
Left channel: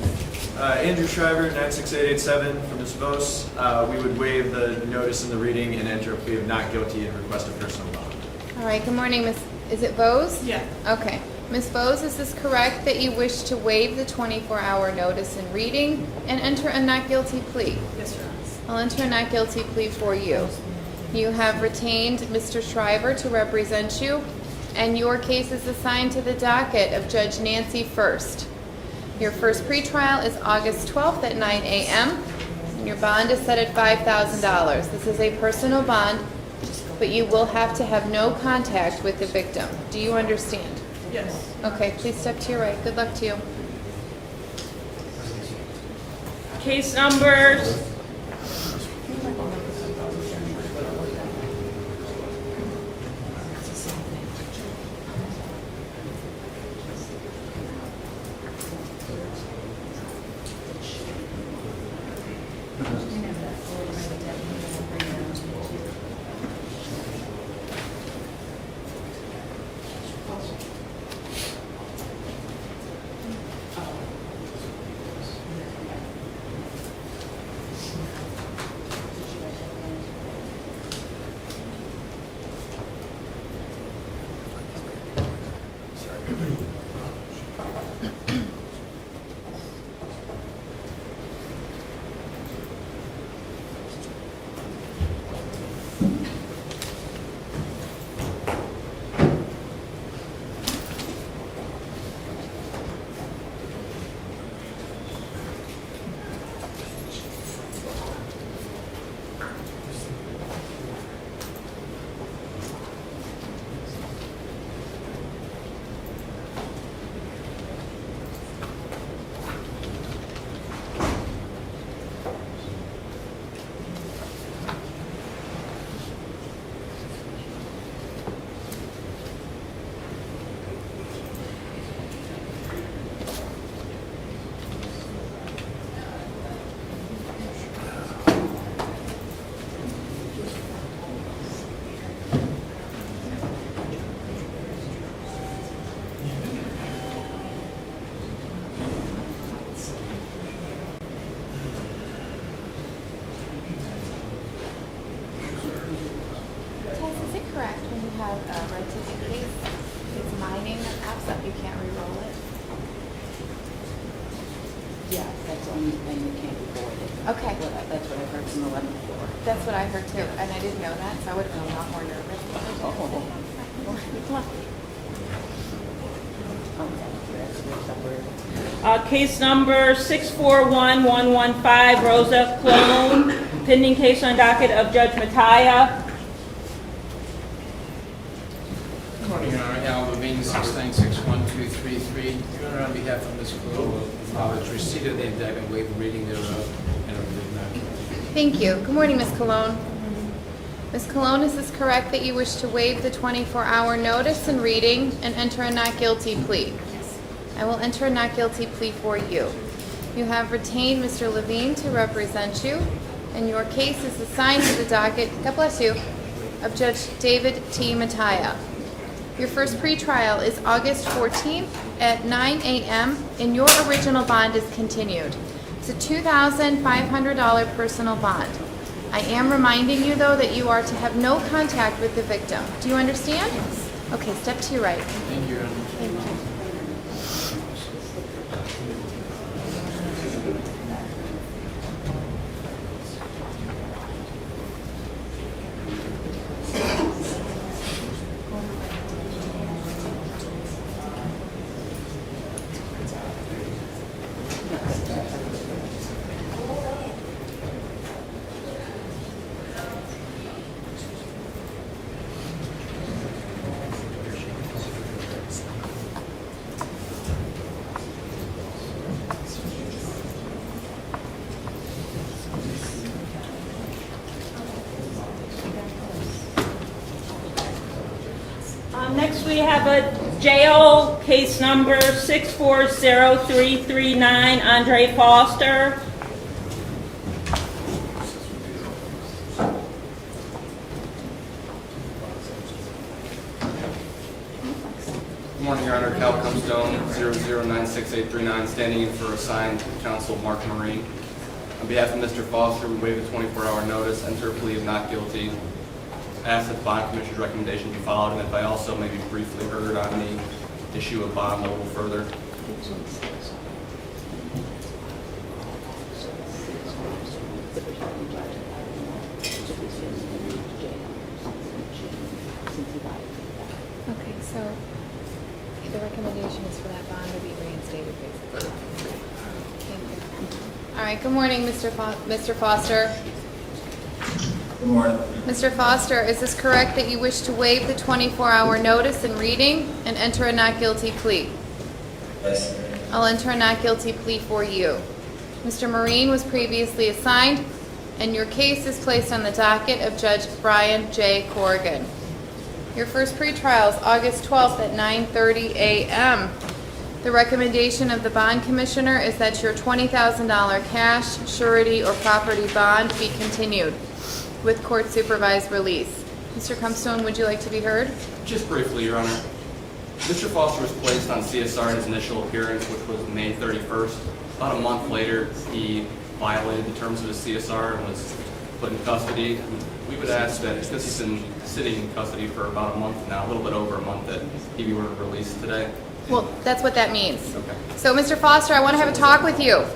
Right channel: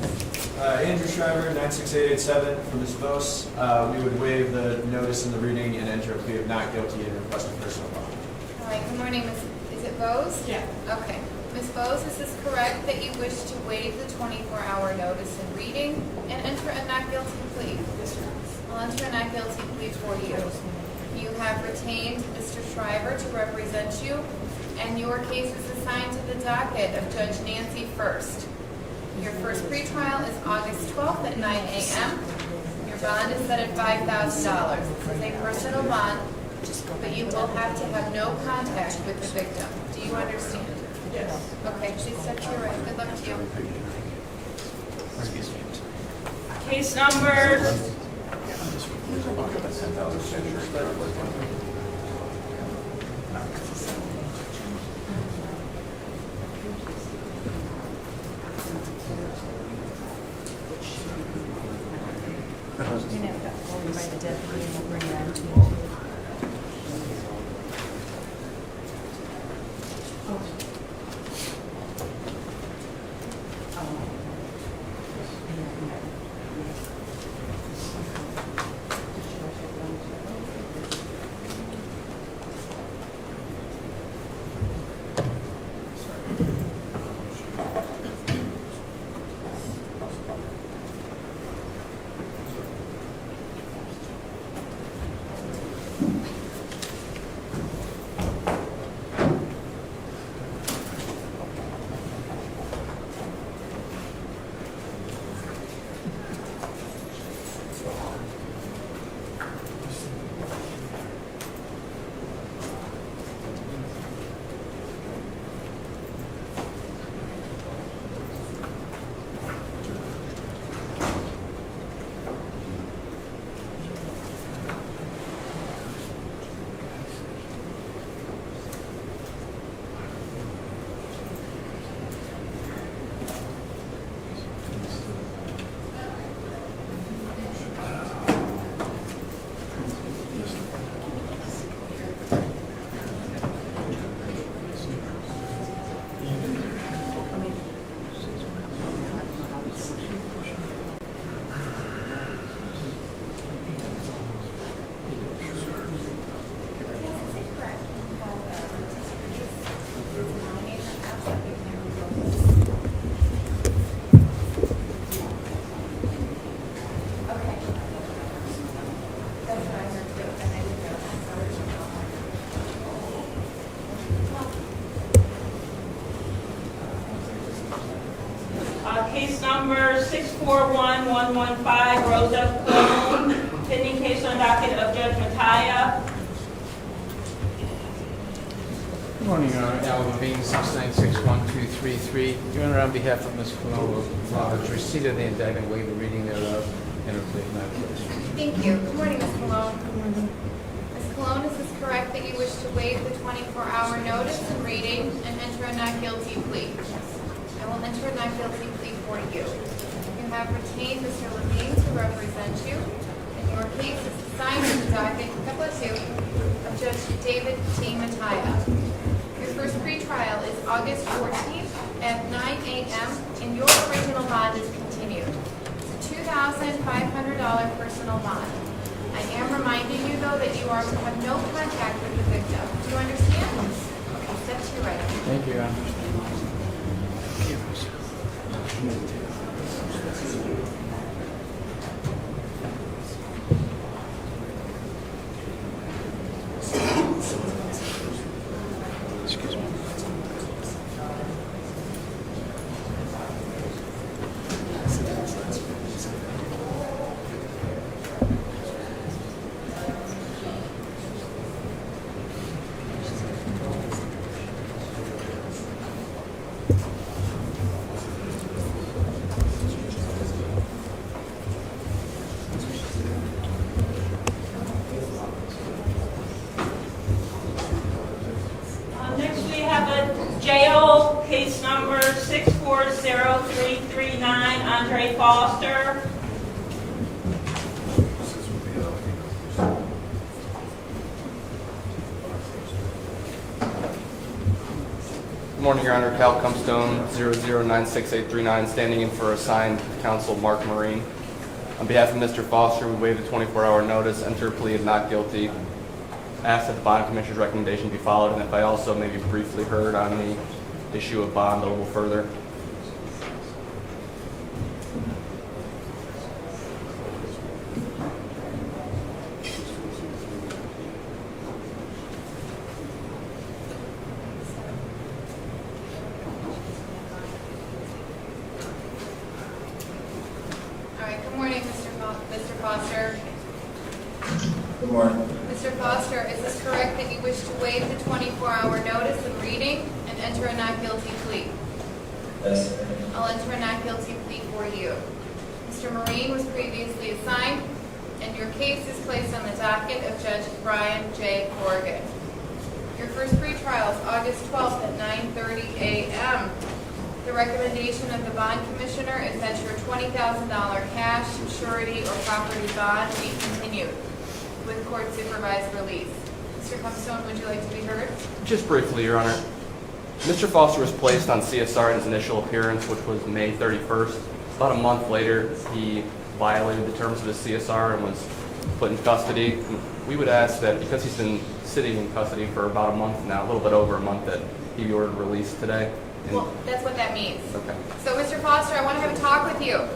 Andrew Shriver, 96887 from Ms. Vos. We would waive the notice and the reading and enter a plea of not guilty and request a personal bond. All right, good morning, Miss. Is it Bose? Yeah. Okay. Ms. Bose, is this correct that you wish to waive the 24-hour notice and reading and enter a not guilty plea? Yes, sir. I'll enter a not guilty plea for you. You have retained Mr. Shriver to represent you, and your case is assigned to the docket of Judge Nancy First. Your first pretrial is August 12th at 9 a.m., and your bond is set at $5,000. This is a personal bond, but you will have to have no contact with the victim. Do you understand? Yes. Okay, please step to your right. Good luck to you. Case numbers. That's what I heard too, and I didn't know that, so I would have been a lot more nervous. Case number 641115, Rosa Cologne, pending case on docket of Judge Mattia. Good morning, Your Honor. Al Levine, 6961233. Your Honor, on behalf of Ms. Cologne, acknowledge receipt of the indictment, waive the reading thereof, and a written not guilty plea. Thank you. Good morning, Ms. Cologne. Ms. Cologne, is this correct that you wish to waive the 24-hour notice and reading and enter a not guilty plea? Yes. I will enter a not guilty plea for you. You have retained Mr. Levine to represent you, and your case is assigned to the docket, God bless you, of Judge David T. Mattia. Your first pretrial is August 14th at 9 a.m., and your original bond is continued. It's a $2,500 personal bond. I am reminding you, though, that you are to have no contact with the victim. Do you understand? Okay, step to your right. Thank you, Your Honor. Next, we have a jail case number 640339, Andre Foster. Good morning, Your Honor. Cal Cumstone, 00968839, standing in for assigned counsel Mark Marine. On behalf of Mr. Foster, we waive the 24-hour notice, enter a plea of not guilty. Ask that the bond commissioner's recommendation be followed, and if I also maybe briefly heard on the issue of bond a little further. Okay, so the recommendation is for that bond to be reinstated, basically. Thank you. All right, good morning, Mr. Foster. Good morning. Mr. Foster, is this correct that you wish to waive the 24-hour notice and reading and enter a not guilty plea? Yes. I'll enter a not guilty plea for you. Mr. Marine was previously assigned, and your case is placed on the docket of Judge Brian J. Corrigan. Your first pretrial is August 12th at 9:30 a.m. The recommendation of the bond commissioner is that your $20,000 cash, surety, or property bond be continued with court-supervised release. Mr. Cumstone, would you like to be heard? Just briefly, Your Honor. Mr. Foster was placed on CSR at his initial appearance, which was May 31st. About a month later, he violated the terms of his CSR and was put in custody. We would ask that, because he's been sitting in custody for about a month now, a little bit over a month, that he be ordered released today. Well, that's what that means. Okay. So, Mr. Foster, I want to have a talk with you.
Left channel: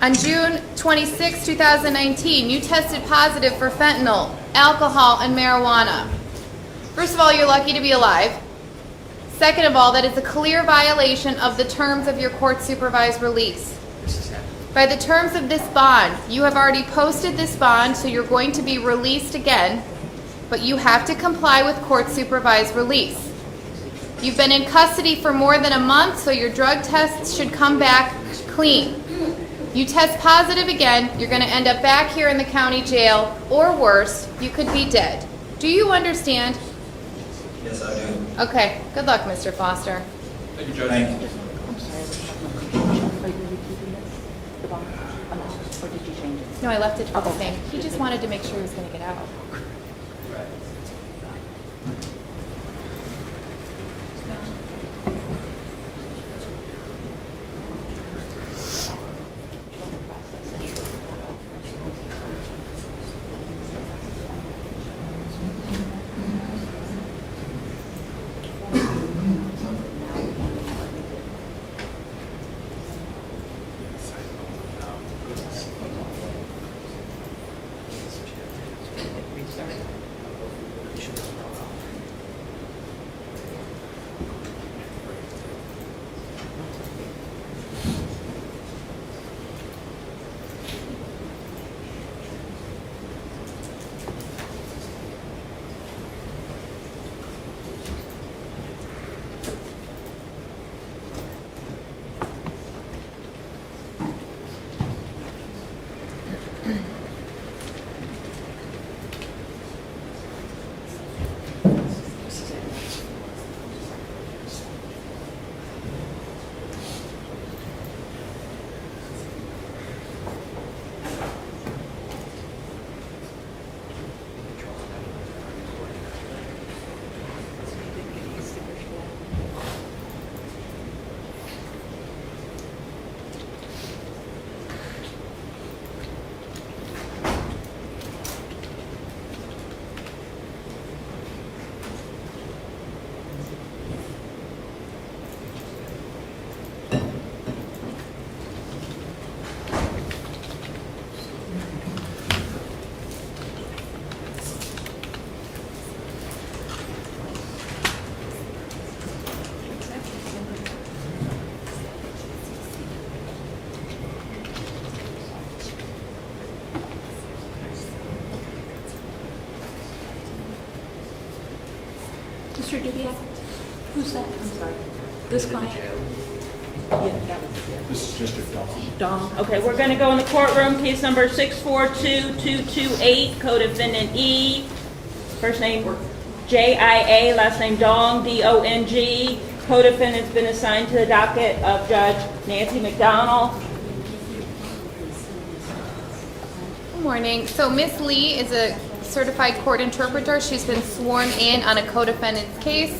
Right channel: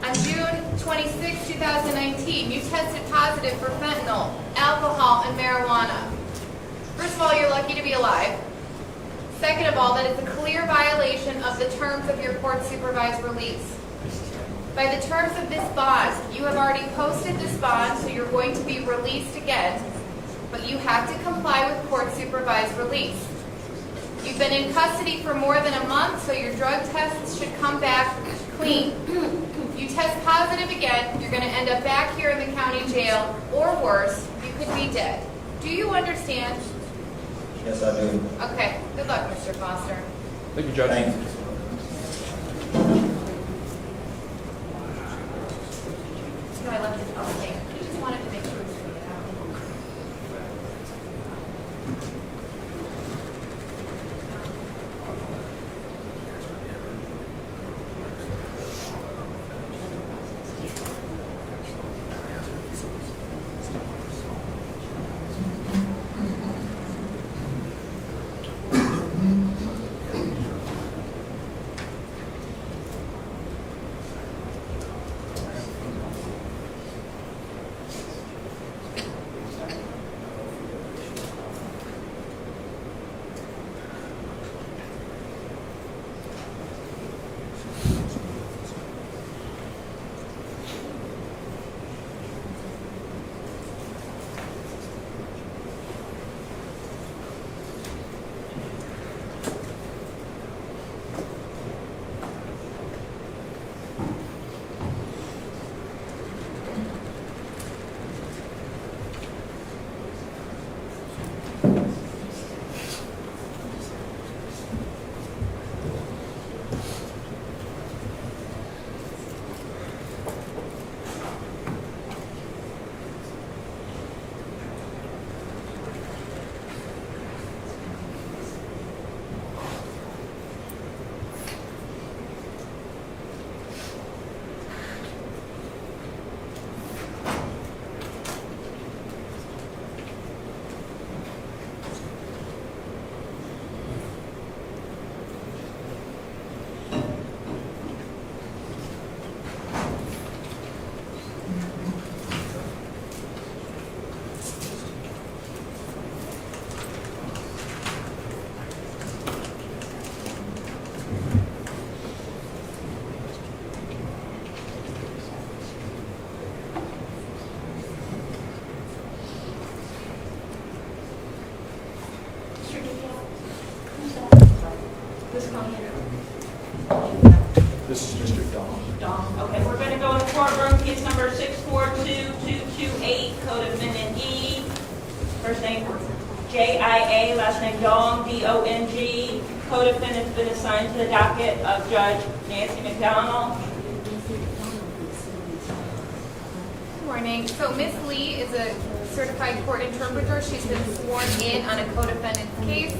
On June 26, 2019, you tested positive for fentanyl, alcohol, and marijuana. First of all, you're lucky to be alive. Second of all, that is a clear violation of the terms of your court-supervised release. By the terms of this bond, you have already posted this bond, so you're going to be released again, but you have to comply with court-supervised release. You've been in custody for more than a month, so your drug tests should come back clean. You test positive again, you're going to end up back here in the county jail, or worse, you could be dead. Do you understand? Yes, I do. Okay, good luck, Mr. Foster. Thank you, Judge. Thank you. No, I left it to the thing. He just wanted to make sure he was going to get out. Mr. Dubiel? Who's that? This client? This is Mr. Dahl. Dong. Okay, we're going to go in the courtroom. Case number 642228, co-defendant E. First name J-I-A, last name Dong, D-O-N-G. Co-defendant's been assigned to the docket of Judge Nancy McDonald. Good morning. So Ms. Lee is a certified court interpreter. She's been sworn in on a co-defendant's case.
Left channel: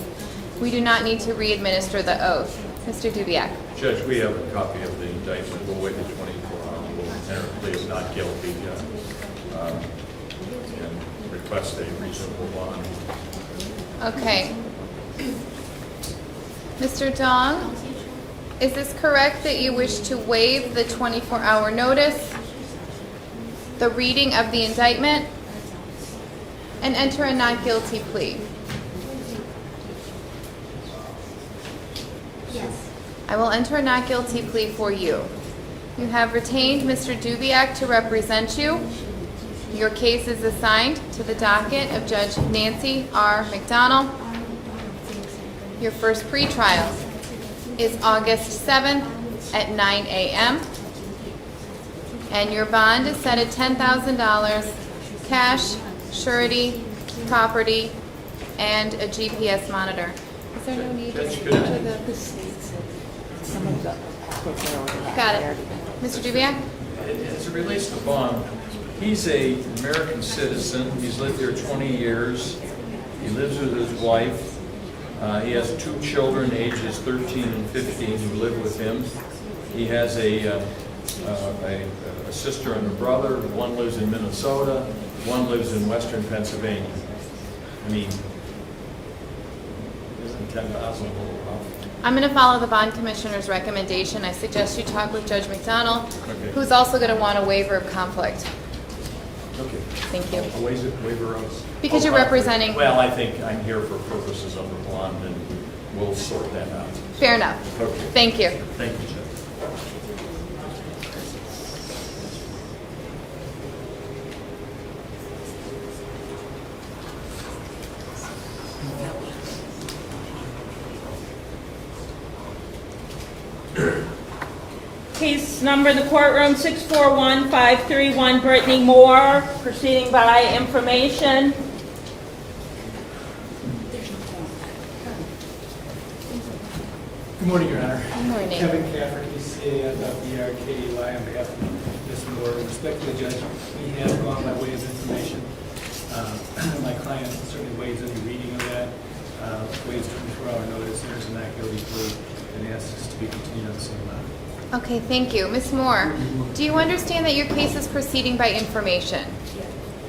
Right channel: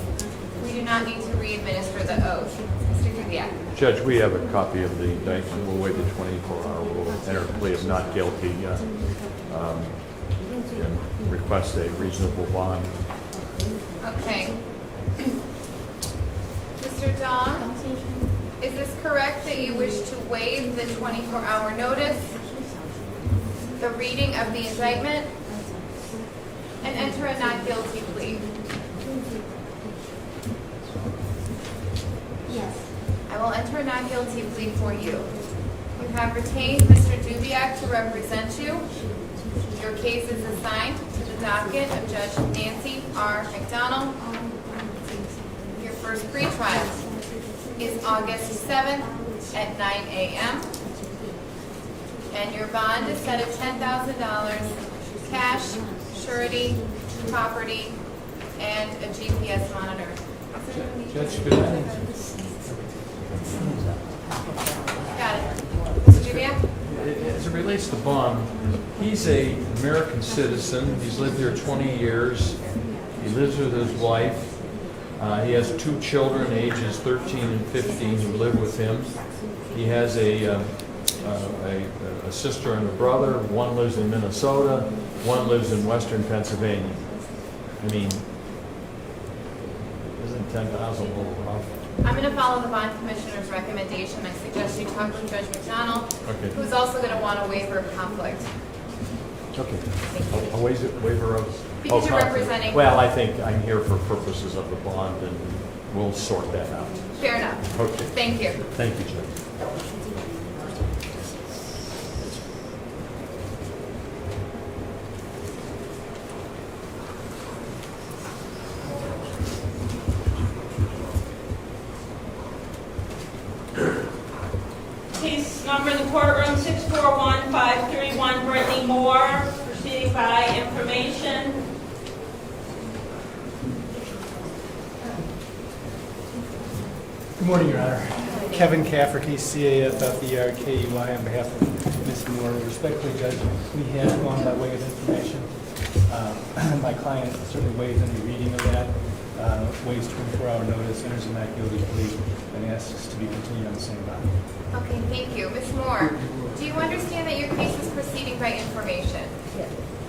We do not need to re-administer the oath. Mr. Dubiak. Judge, we have a copy of the indictment. We'll wait the 24-hour rule. Enter a plea of not guilty and request a reasonable bond. Okay. Mr. Dong, is this correct that you wish to waive the 24-hour notice, the reading of the indictment, and enter a not guilty plea? Yes. I will enter a not guilty plea for you. You have retained Mr. Dubiak to represent you. Your case is assigned to the docket of Judge Nancy R. McDonald. Your first pretrial is August 7th at 9 a.m. And your bond is set at $10,000, cash, surety, property, and a GPS monitor. Is there no need Judge, to good. the seats? Got it. Mr. Dubiak? As it relates to bond, he's an American citizen. He's lived here 20 years. He lives with his wife. He has 2 children, ages 13 and 15, who live with him. He has a sister and a brother. One lives in Minnesota. One lives in Western Pennsylvania. I mean, isn't 10,000 a little rough? I'm going to follow the bond commissioner's recommendation. I suggest you talk with Judge McDonald, Okay. who's also going to want a waiver of conflict. Okay. Thank you. A waiver of... Because you're conflict. representing- Well, I think I'm here for purposes of the bond, and we'll sort that out. Fair enough. Okay. Thank you. Thank you, Judge. Case number in the courtroom 641531, Britney Moore, proceeding by information. Good morning, Your Honor. Good morning. Kevin Cafferty, CAFFERKEY, on behalf of Ms. Moore. Respectfully, Judge, we have gone by way of information. My client certainly waives any reading of that, waives 24-hour notice, enters a not guilty plea, and asks to be continued on the same bond. Okay, thank you. Ms. Moore, do you understand that your case is proceeding by information? Yes.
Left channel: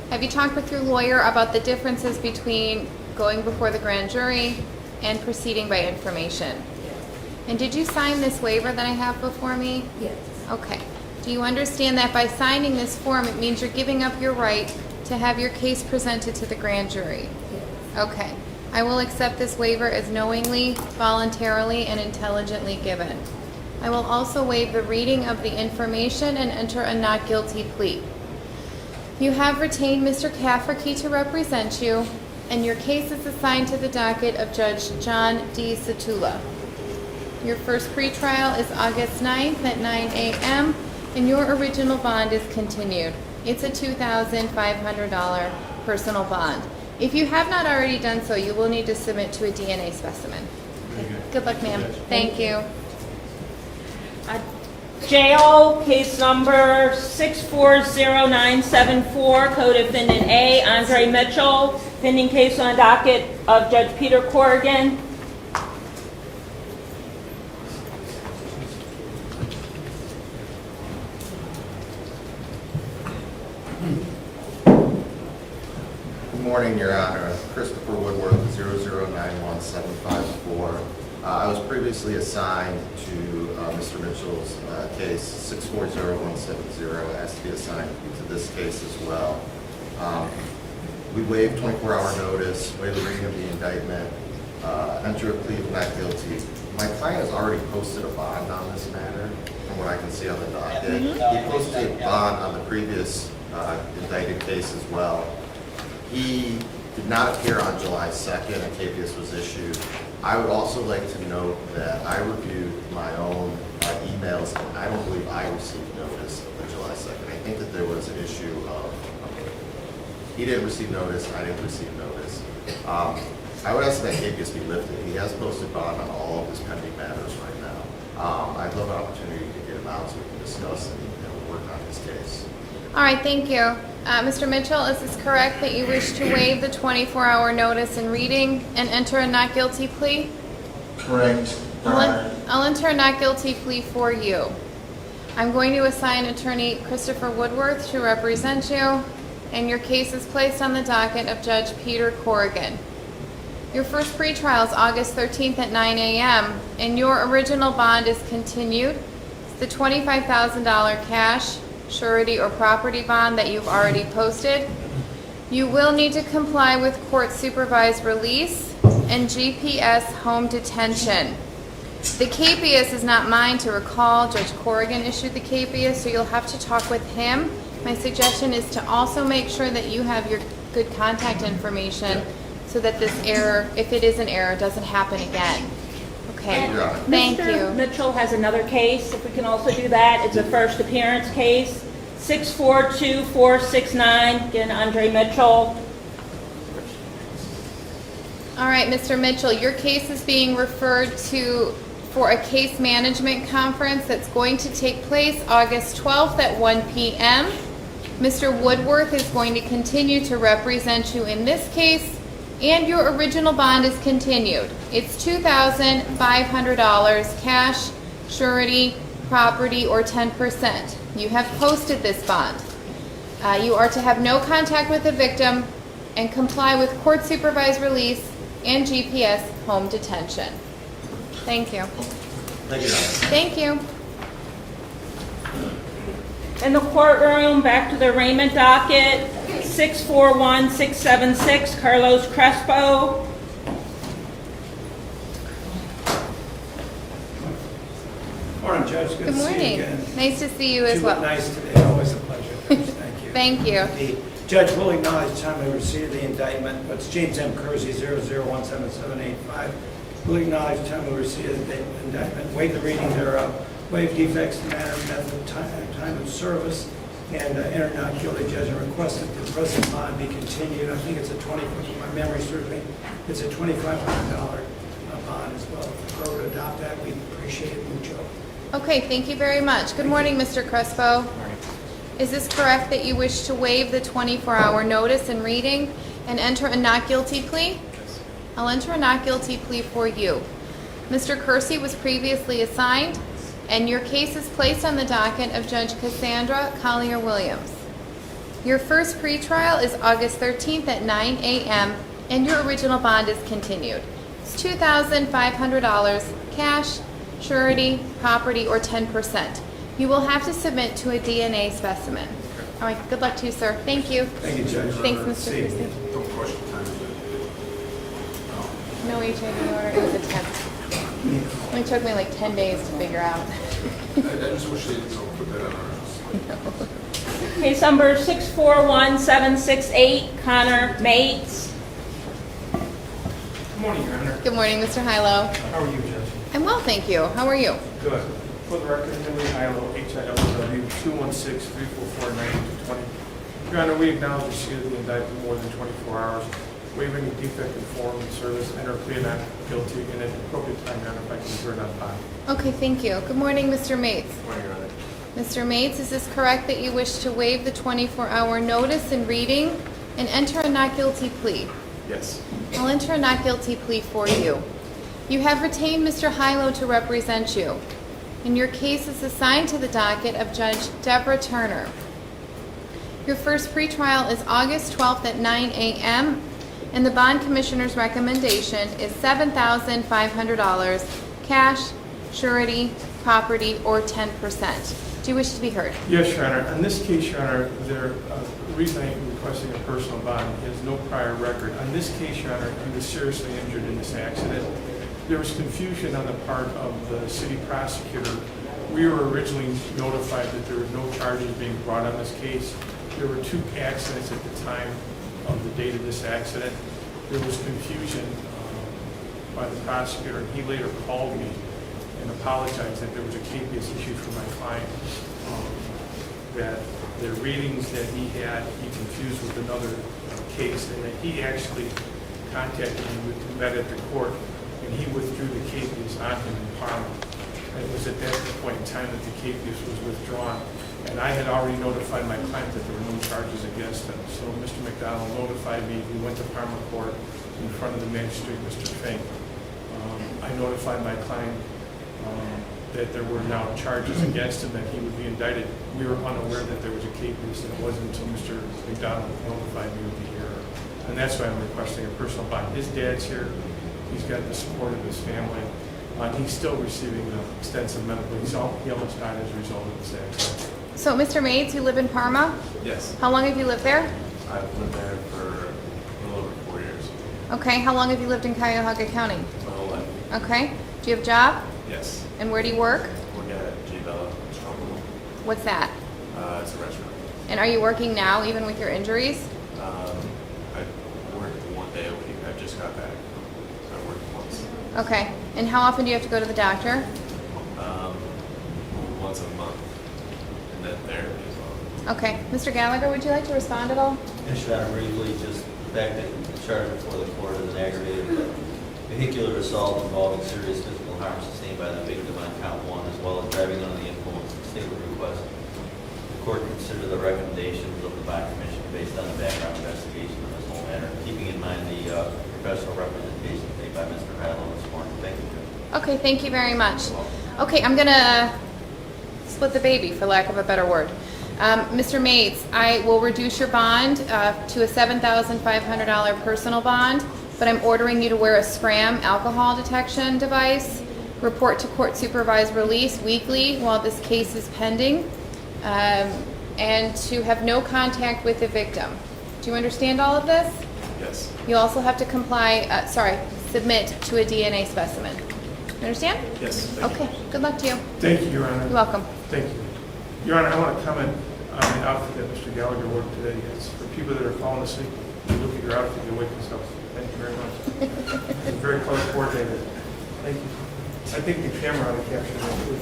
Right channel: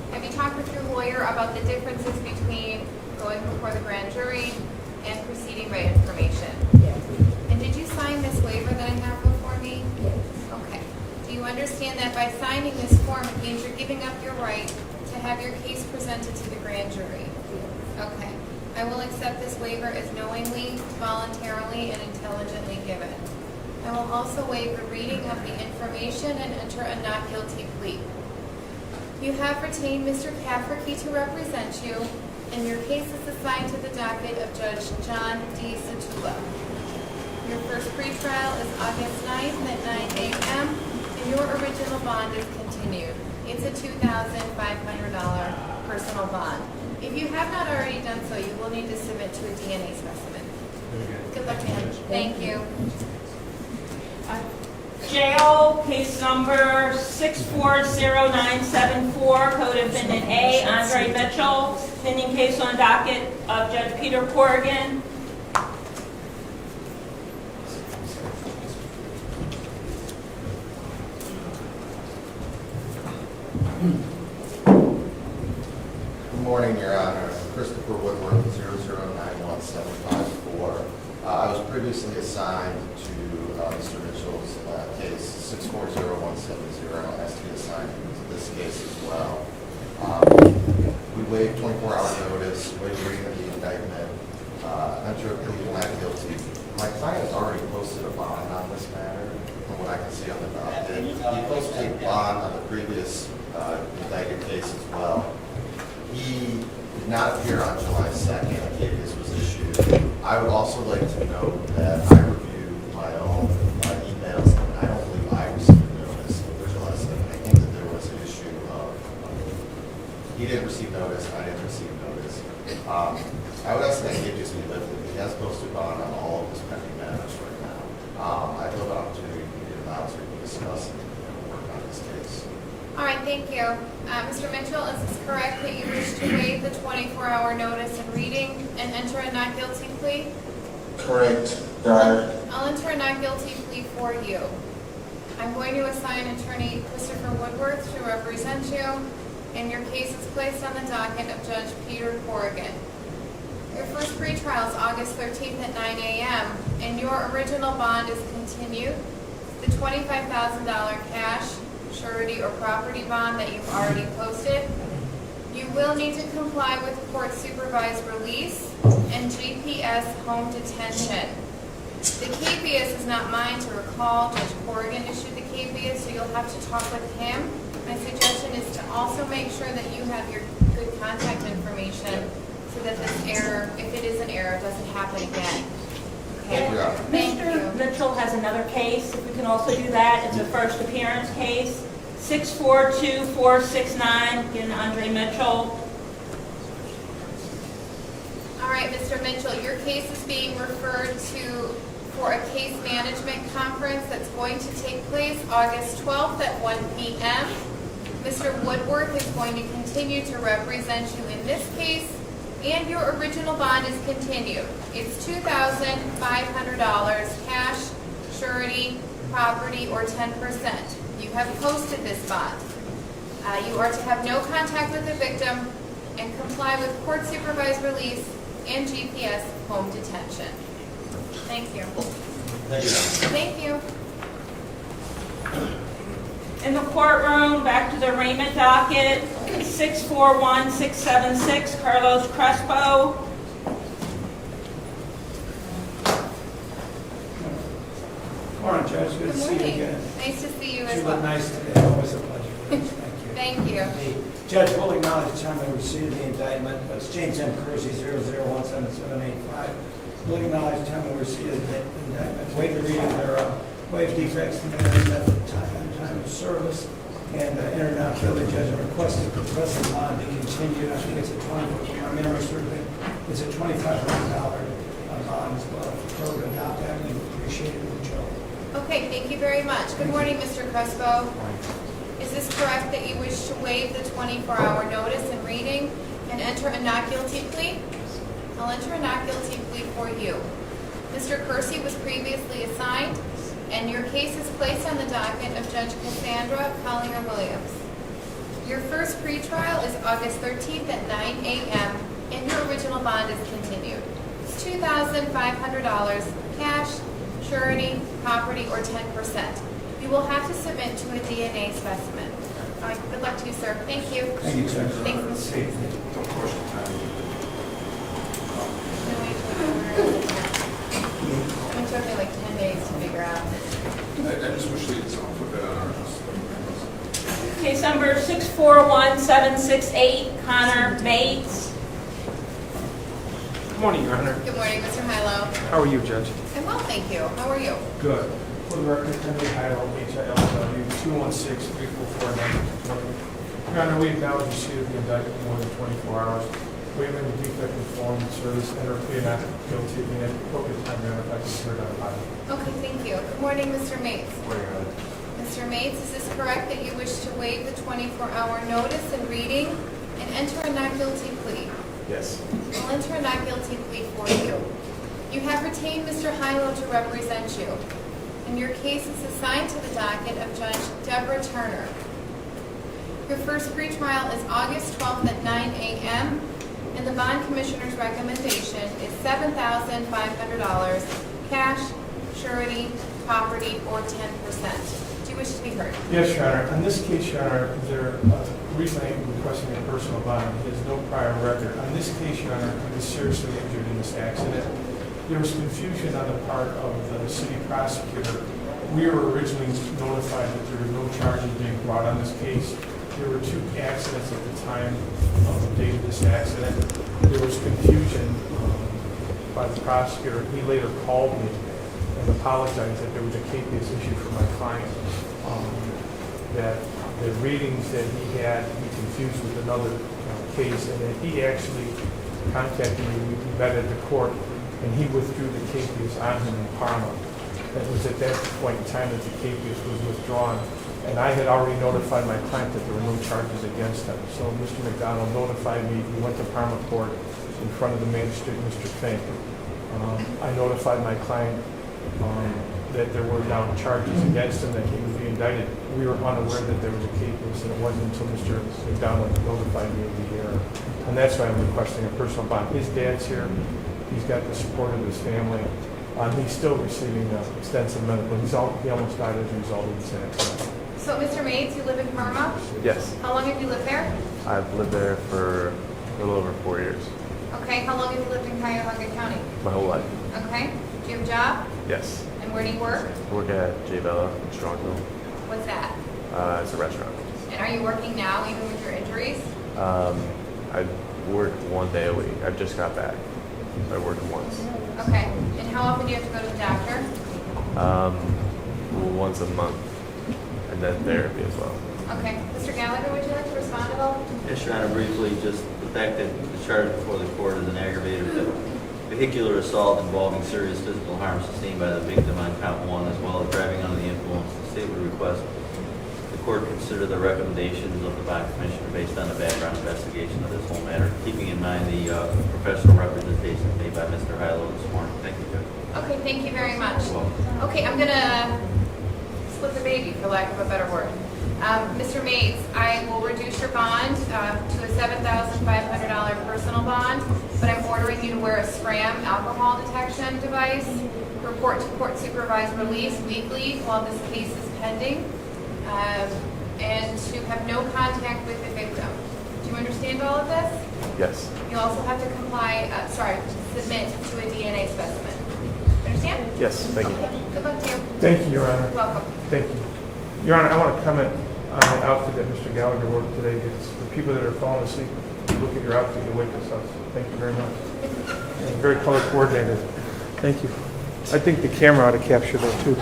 Have you talked with your lawyer about the differences between going before the grand jury and proceeding by information? Yes. And did you sign this waiver that I have before me? Yes. Okay. Do you understand that by signing this form, it means you're giving up your right to have your case presented to the grand jury? Yes. Okay. I will accept this waiver as knowingly, voluntarily, and intelligently given. I will also waive the reading of the information and enter a not guilty plea. You have retained Mr. Cafferty to represent you, and your case is assigned to the docket of Judge John D. Satula. Your first pretrial is August 9th at 9 a.m., and your original bond is continued. It's a $2,500 personal bond. If you have not already done so, you will need to submit to a DNA specimen. Very good. Good luck, ma'am. Thank you. Jail, case number 640974, co-defendant A, Andre Mitchell, pending case on docket of Judge Peter Corrigan. Good morning, Your Honor. Christopher Woodward, 0091754. I was previously assigned to Mr. Mitchell's case, 640170, asked to be assigned to this case as well. We waived 24-hour notice, waived the reading of the indictment, enter a plea of not guilty. My client has already posted a bond on this matter, from what I can see on the docket. He posted a bond on the previous indicted case as well. He did not appear on July 2nd. A habeas was issued. I would also like to note that I reviewed my own emails, and I don't believe I received notice of the July 2nd. I think that there was an issue of he didn't receive notice, I didn't receive notice. I would ask that habeas be lifted. He has posted bond on all of his pending matters right now. I'd love an opportunity to get him out so we can discuss and work on this case. All right, thank you. Mr. Mitchell, is this correct that you wish to waive the 24-hour notice and reading and enter a not guilty plea? Correct, Your Honor. I'll enter a not guilty plea for you. I'm going to assign attorney Christopher Woodworth to represent you, and your case is placed on the docket of Judge Peter Corrigan. Your first pretrial is August 13th at 9 a.m., and your original bond is continued. It's the $25,000 cash, surety, or property bond that you've already posted. You will need to comply with court-supervised release and GPS home detention. The capias is not mine to recall. Judge Corrigan issued the capias, so you'll have to talk with him. My suggestion is to also make sure that you have your good contact information so that this error, if it is an error, doesn't happen again. Okay, thank Mr. you. Mitchell has another case, if we can also do that. It's a first appearance case, 642-469, again, Andre Mitchell. All right, Mr. Mitchell, your case is being referred to for a case management conference that's going to take place August 12th at 1 p.m. Mr. Woodworth is going to continue to represent you in this case, and your original bond is continued. It's $2,500 cash, surety, property, or 10%. You have posted this bond. You are to have no contact with the victim and comply with court-supervised release and GPS home detention. Thank you. Thank you, Your Honor. Thank you. In the courtroom, back to the arraignment docket, 641-676, Carlos Crespo. Morning, Judge. Good Good to see you morning. again. Nice to see you as You well. look nice today. Always a pleasure. Thank you. Thank you. The Judge will acknowledge the time I received the indictment. It's James M. Kersey, 0017785. Will acknowledge the time I received the indictment. Waive the reading thereof. Waive defects in manner, method, time of service, and enter not guilty judgment requested for present bond be continued. I think it's a my memory certainly, it's a $2,500 bond as well. If we were to adopt that, we'd appreciate it mucho. Okay, thank you very much. Good morning, Mr. Crespo. Is this correct that you wish to waive the 24-hour notice and reading and enter a not guilty plea? I'll enter a not guilty plea for you. Mr. Kersey was previously assigned, and your case is placed on the docket of Judge Cassandra Collier-Williams. Your first pretrial is August 13th at 9 a.m., and your original bond is continued. It's $2,500 cash, surety, property, or 10%. You will have to submit to a DNA specimen. All right, good luck to you, sir. Thank you. Thank you, Judge. Thanks, Mr. See you. Kersey. No question. No HIP order, it was a 10. It took me like 10 days to figure out. I just wish they didn't put that on our house. Case number 641768, Connor Mates. Good morning, Your Honor. Good morning, Mr. Hilo. How are you, Judge? I'm well, thank you. How are you? Good. For the record, Henry Hilo, HILW, 216-344-9220. Your Honor, we acknowledge receipt of the indictment more than 24 hours, waiving the defect in form of service, enter a plea not guilty, and at the appropriate time, Your Honor, if I can be heard on body. Okay, thank you. Good morning, Mr. Mates. Good morning, Your Honor. Mr. Mates, is this correct that you wish to waive the 24-hour notice and reading and enter a not guilty plea? Yes. I'll enter a not guilty plea for you. You have retained Mr. Hilo to represent you, and your case is assigned to the docket of Judge Deborah Turner. Your first pretrial is August 12th at 9 a.m., and the bond commissioner's recommendation is $7,500 cash, surety, property, or 10%. Do you wish to be heard? Yes, Your Honor. On this case, Your Honor, the reason I am requesting a personal bond is no prior record. On this case, Your Honor, he was seriously injured in this accident. There was confusion on the part of the city prosecutor. We were originally notified that there were no charges being brought on this case. there were two accidents at the time of the date of this accident. There was confusion by the prosecutor. He later called me and apologized that there was a capias issued for my client, that the readings that he had, he confused with another case, and that he actually contacted me. We met at the court, and he withdrew the capias on him in Parma. And it was at that point in time that the capias was withdrawn. And I had already notified my client that there were no charges against him. So Mr. McDonald notified me. We went to Parma court in front of the magistrate, Mr. Fink. I notified my client that there were now charges against him, that he would be indicted. We were unaware that there was a capias, and it wasn't until Mr. McDonald notified me of the error. And that's why I'm requesting a personal bond. His dad's here. He's got the support of his family. He's still receiving extensive medical. He almost died as a result of this accident. So, Mr. Mates, you live in Parma? Yes. How long have you lived there? I've lived there for a little over 4 years. Okay. How long have you lived in Cuyahoga County? My whole life. Okay. Do you have a job? Yes. And where do you work? I work at J Bella in Strongville. What's that? It's a restaurant. And are you working now, even with your injuries? I work 1 day a week. I just got back. So I work once. Okay. And how often do you have to go to the doctor? Well, once a month. And then therapy as well. Okay. Mr. Gallagher, would you like to respond at all? Yes, Your Honor, briefly, just the fact that the charge before the court is an aggravated vehicular assault involving serious physical harm sustained by the victim on count 1, as well as driving under the influence. The state would request the court consider the recommendations of the bond commission based on a background investigation of this whole matter, keeping in mind the professional representation made by Mr. Hilo this morning. Thank you, Judge. Okay. Thank you very much. Okay. I'm going to split the baby, for lack of a better word. Mr. Mates, I will reduce your bond to a $7,500 personal bond, but I'm ordering you to wear a SCRAM alcohol detection device, report to court supervised release weekly while this case is pending, and to have no contact with the victim. Do you understand all of this? Yes. You also have to submit to a DNA specimen. Understand? Yes, thank you. Okay. Good luck to you. Thank you, Your Honor. You're welcome. Thank you. Your Honor, I want to comment on the outfit that Mr. Gallagher wore today. It's for people that are falling asleep. You look at your outfit and wake yourself. Thank you very much. It's very color coordinated. Thank you. I think the camera ought to capture that too.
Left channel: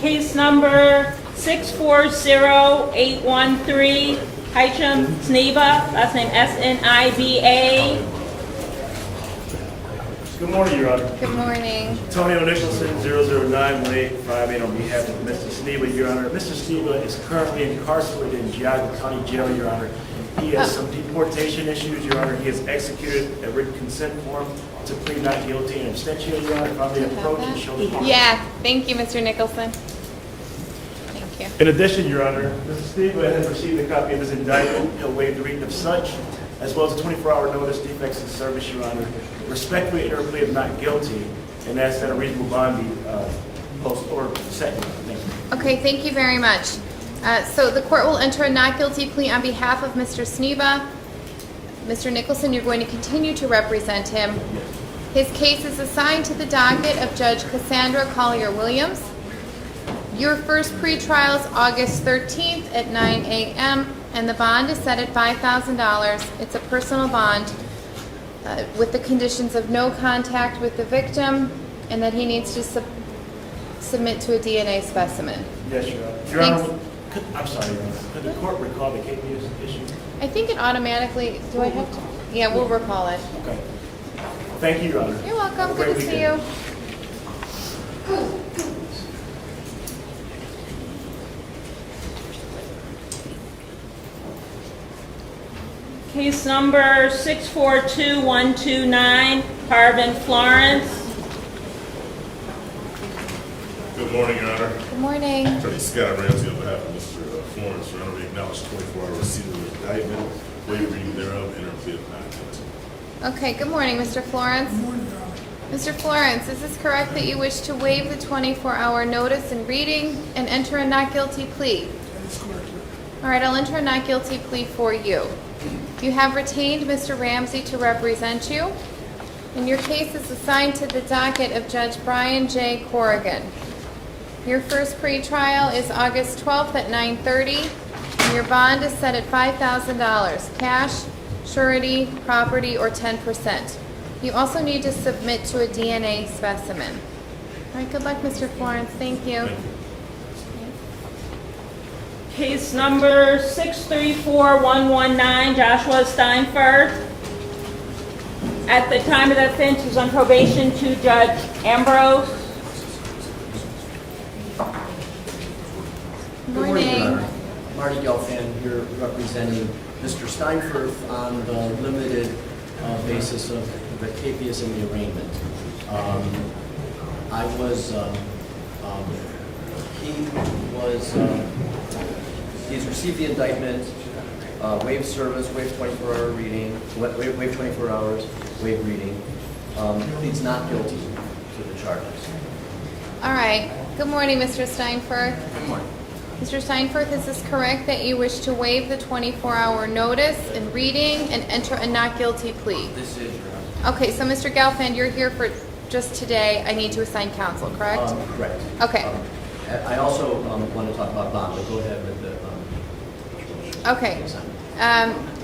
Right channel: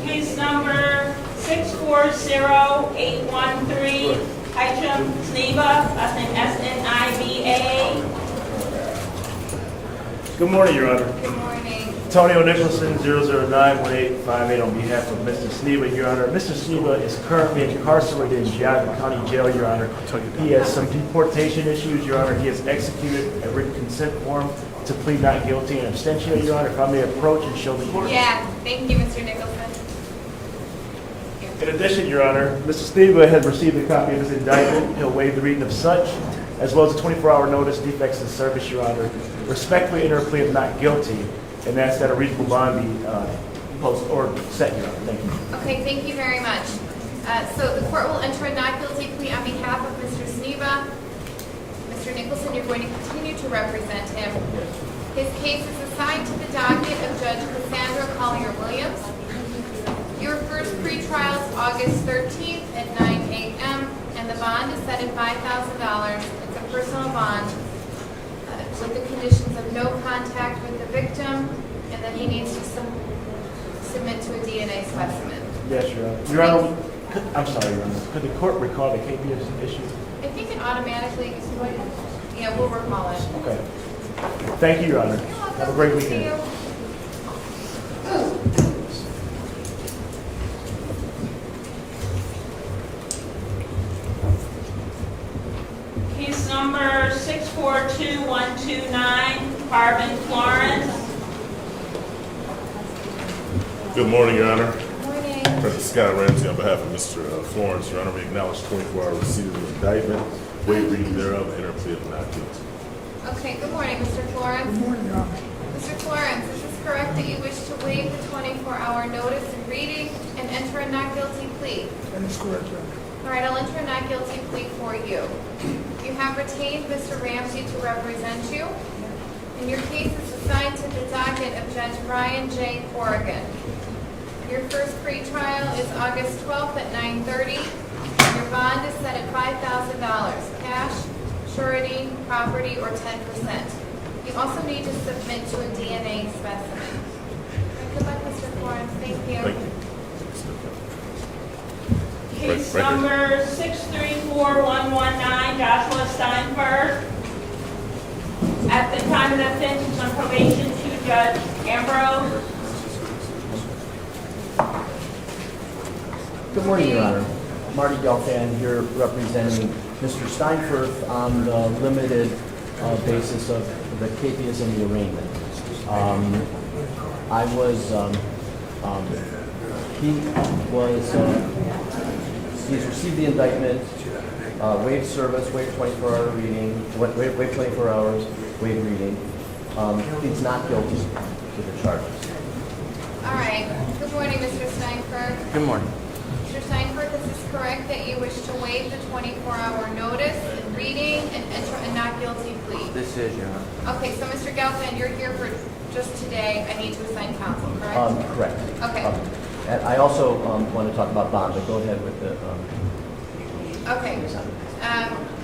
Case number 640813, Stiva, last name Sniba. Good morning, Your Honor. Good morning. Antonio Nicholson, 0091858 on behalf of Mr. Stiva, Your Honor. Mr. Stiva is currently incarcerated in Geauga County Jail, Your Honor. He has some deportation issues, Your Honor. He has executed a written consent form to plead not guilty and abstention, Your Honor. If I may approach and show the court. Yeah, thank you, Mr. Nicholson. Thank you. In addition, Your Honor, Mr. Stiva has received a copy of his indictment. He'll waive the reading of such, as well as a 24-hour notice, defects in service, Your Honor. Respectfully enter a plea of not guilty, and ask that a reasonable bond be post or set, Your Honor. Thank you. Okay, thank you very much. So the court will enter a not guilty plea on behalf of Mr. Stiva. Mr. Nicholson, you're going to continue to represent him. His case is assigned to the docket of Judge Cassandra Collier-Williams. Your first pretrial is August 13th at 9 a.m., and the bond is set at $5,000. It's a personal bond with the conditions of no contact with the victim and that he needs to submit to a DNA specimen. Yes, Your Honor. Your Honor, I'm sorry, Your Honor. Could the court recall the capias issue? I think it automatically, do I have to? Yeah, we'll recall it. Okay. Thank you, Your Honor. You're welcome. Have a great Good to see weekend. you. Case number 642129, Carbon Florence. Good morning, Your Honor. Good morning. Attorney Scott Ramsey on behalf of Mr. Florence. Your Honor, we acknowledge 24-hour receipt of the indictment, waive reading thereof, enter a plea of not guilty. Okay, good morning, Mr. Florence. Good morning, Your Honor. Mr. Florence, is this correct that you wish to waive the 24-hour notice and reading and enter a not guilty plea? That is correct, Your Honor. All right, I'll enter a not guilty plea for you. You have retained Mr. Ramsey to represent you. And your case is assigned to the docket of Judge Brian J. Corrigan. Your first pre-trial is August 12th at 9:30. Your bond is set at $5,000, cash, surety, property, or 10%. You also need to submit to a DNA specimen. All right, good luck, Mr. Florence. Thank you. Thank you. Case number 634119, Joshua Steinberg. At the time of the offense, he was on probation to Judge Ambrose. Good morning, Your Honor. Marty Gelfand here representing Mr. Steinberg on the limited basis of the capias and the arraignment. He's received the indictment, waived service, waived 24-hour reading, waived 24 hours, waived reading. Pleads not guilty to the charges. All right. Good morning, Mr. Steinberg. Good morning. Mr. Steinberg, is this correct that you wish to waive the 24-hour notice and reading and enter a not guilty plea? This is, Your Honor. Okay, so Mr. Gelfand, you're here for just today. I need to assign counsel, correct? Correct. Okay. And I also want to talk about bond, but go ahead with the... Okay.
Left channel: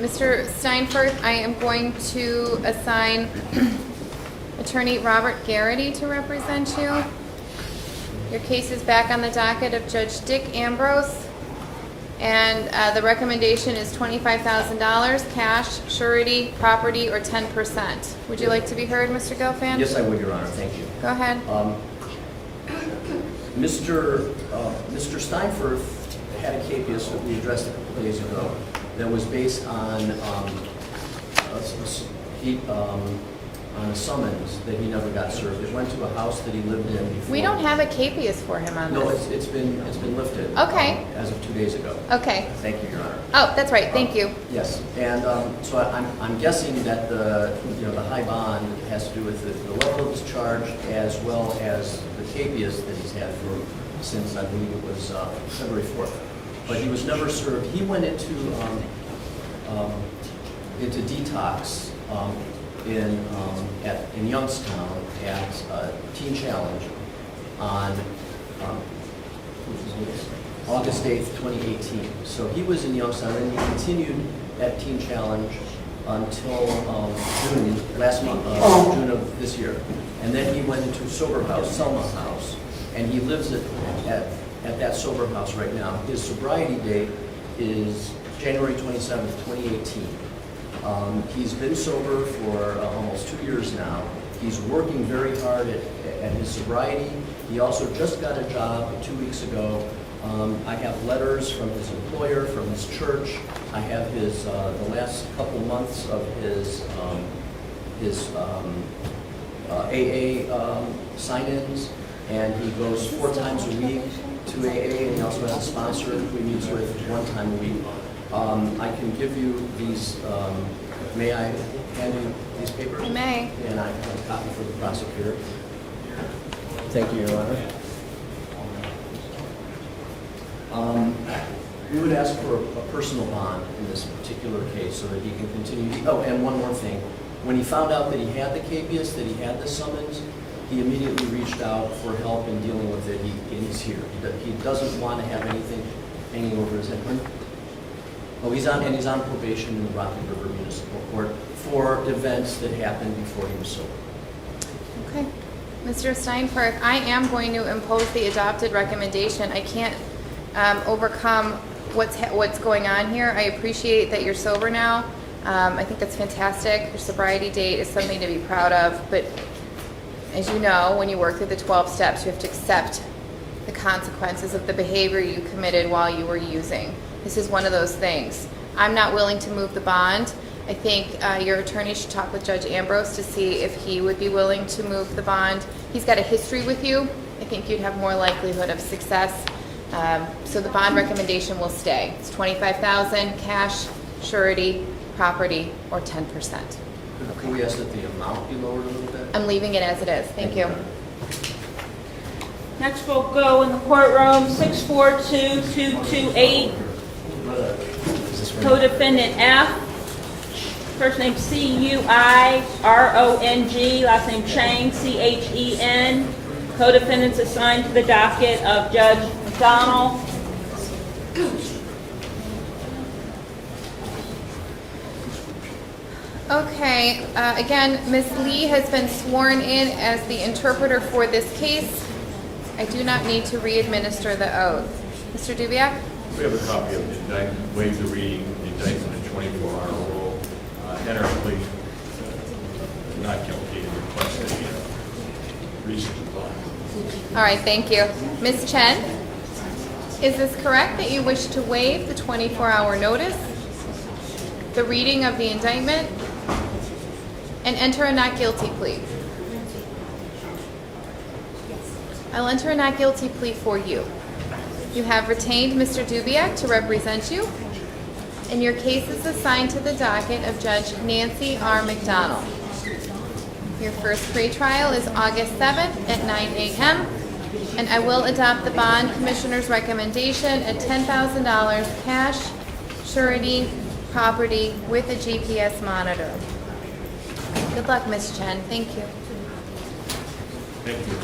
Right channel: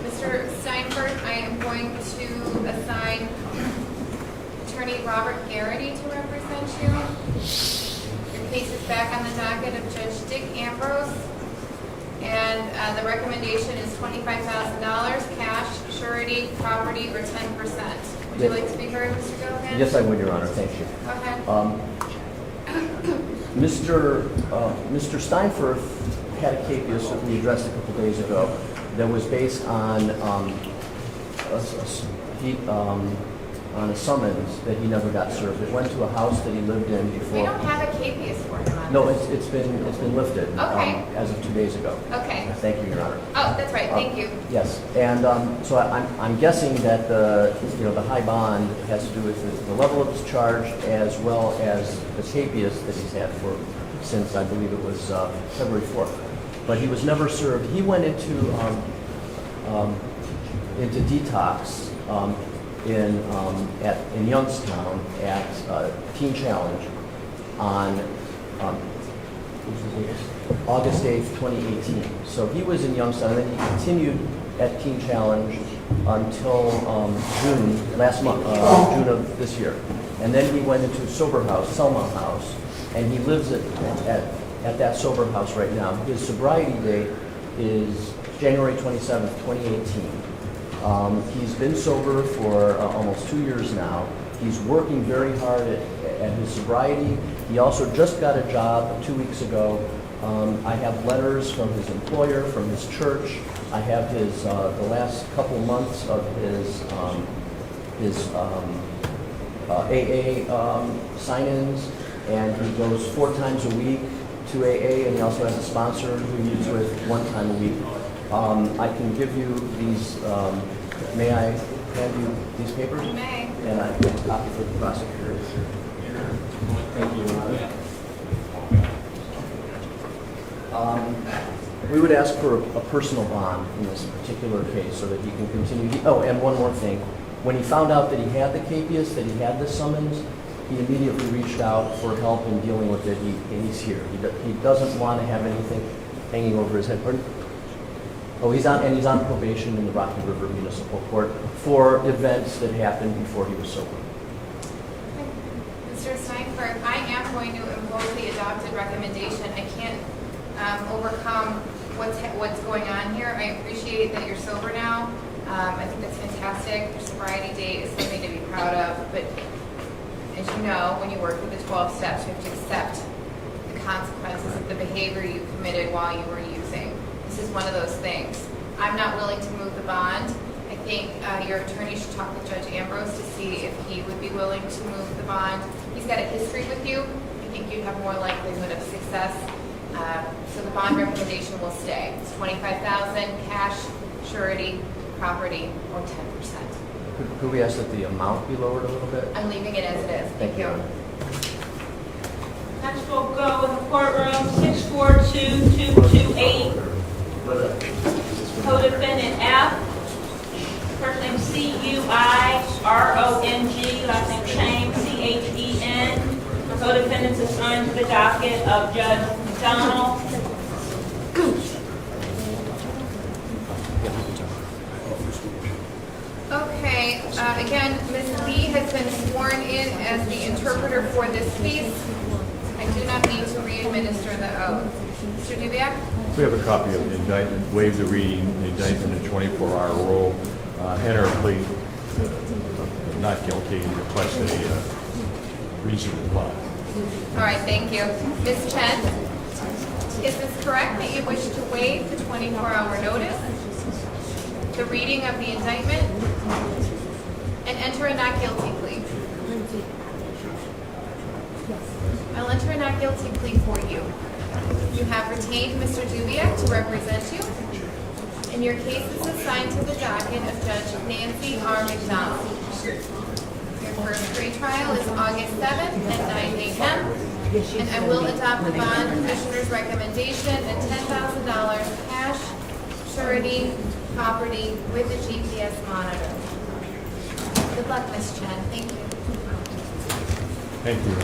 Mr. Steinberg, I am going to assign Attorney Robert Garrity to represent you. Your case is back on the docket of Judge Dick Ambrose, and the recommendation is $25,000, cash, surety, property, or 10%. Would you like to be heard, Mr. Gelfand? Yes, I would, Your Honor. Thank you. Go ahead. Mr. Steinberg had a capias that we addressed a couple days ago that was based on a summons that he never got served. It went to a house that he lived in before. We don't have a capias for him on No, this. it's been lifted. Okay. As of 2 days ago. Okay. Thank you, Your Honor. Oh, that's right. Thank you. Yes, and so I'm guessing that the high bond has to do with the level of his charge as well as the capias that he's had since I believe it was February 4th. But he was never served. He went into detox in Youngstown at Teen Challenge on August 8th, 2018. So he was in Youngstown, and then he continued at Teen Challenge until June of this year. And then he went into sober house, Selma House, and he lives at that sober house right now. His sobriety date is January 27th, 2018. He's been sober for almost 2 years now. He's working very hard at his sobriety. He also just got a job 2 weeks ago. I have letters from his employer, from his church. I have his the last couple months of his AA sign-ins, and he goes 4 times a week to AA, and he also has a sponsor who he meets with 1 time a week. I can give you these, may I hand you these papers? May. And I give a copy for the prosecutor. Thank you, Your Honor. We would ask for a personal bond in this particular case so that he can continue. Oh, and one more thing. When he found out that he had the capias, that he had the summons, he immediately reached out for help in dealing with it. He's here. He doesn't want to have anything hanging over his head. Oh, he's on probation in the Rocky River Municipal Court for events that happened before he was sober. Okay. Mr. Steinberg, I am going to impose the adopted recommendation. I can't overcome what's going on here. I appreciate that you're sober now. I think that's fantastic. Your sobriety date is something to be proud of, but as you know, when you work through the 12 steps, you have to accept the consequences of the behavior you committed while you were using. This is one of those things. I'm not willing to move the bond. I think your attorney should talk with Judge Ambrose to see if he would be willing to move the bond. He's got a history with you. I think you'd have more likelihood of success. So the bond recommendation will stay. It's $25,000, cash, surety, property, or 10%. Could we ask that the amount be lowered a little bit? I'm leaving it as it is. Thank you. Next we'll go in the courtroom, 642228. Co-defendant F. first name C-U-I-R-O-N-G, last name Chen, C-H-E-N. Co-defendants assigned to the docket of Judge McDonald. Okay, again, Ms. Lee has been sworn in as the interpreter for this case. I do not need to re-administer the oath. Mr. Dubiak? We have a copy of the indictment, waive the reading, the indictment in 24-hour rule, enter a plea not guilty, and request a reasonable bond. All right, thank you. Ms. Chen, is this correct that you wish to waive the 24-hour notice, the reading of the indictment, and enter a not guilty plea? I'll enter a not guilty plea for you. You have retained Mr. Dubiak to represent you, and your case is assigned to the docket of Judge Nancy R. McDonald. Your first pretrial is August 7th at 9 a.m., and I will adopt the bond commissioner's recommendation at $10,000 cash, surety, property with a GPS monitor. Good luck, Ms. Chen. Thank you. Thank you.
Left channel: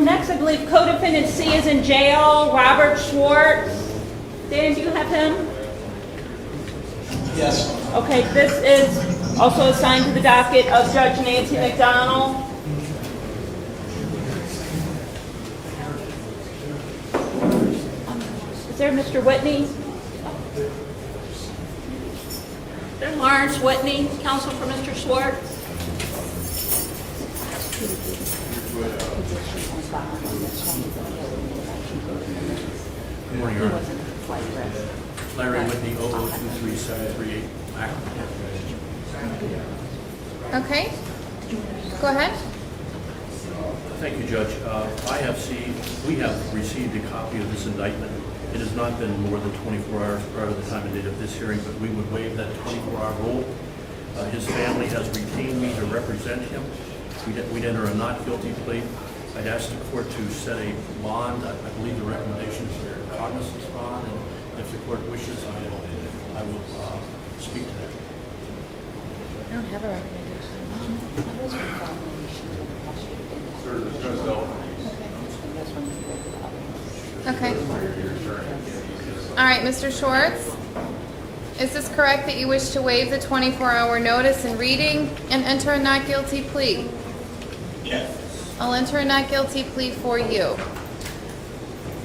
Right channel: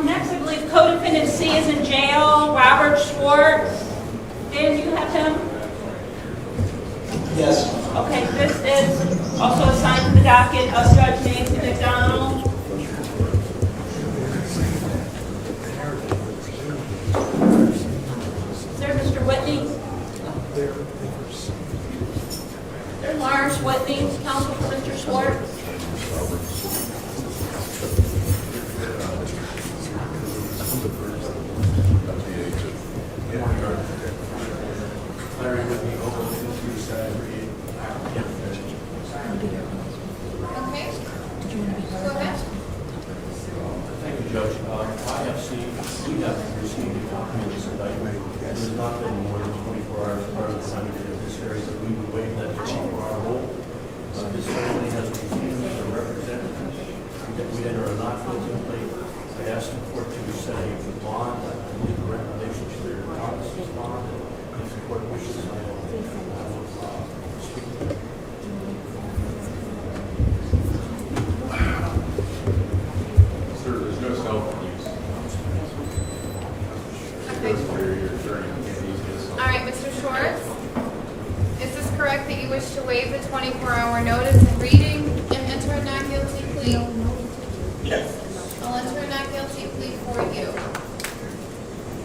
Next, I believe co-defendant C is in jail, Robert Schwartz. Dan, do you have him? Yes. Okay, this is also assigned to the docket of Judge Nancy McDonald. Is there Mr. Whitney? Is there Lawrence Whitney, counsel for Mr. Schwartz? Larry Whitney, 02373. Okay. Go ahead. Thank you, Judge. We have received a copy of this indictment. It has not been more than 24 hours prior to the time of this hearing, but we would waive that 24-hour rule. His family has retained me to represent him. We'd enter a not guilty plea. I'd ask the court to set a bond. I believe the recommendation is for cognizance bond, and if the court wishes, I will speak to that. Sir, there's no cell. Okay. All right, Mr. Schwartz, is this correct that you wish to waive the 24-hour notice and reading and enter a not guilty plea? Yes. I'll enter a not guilty plea for you.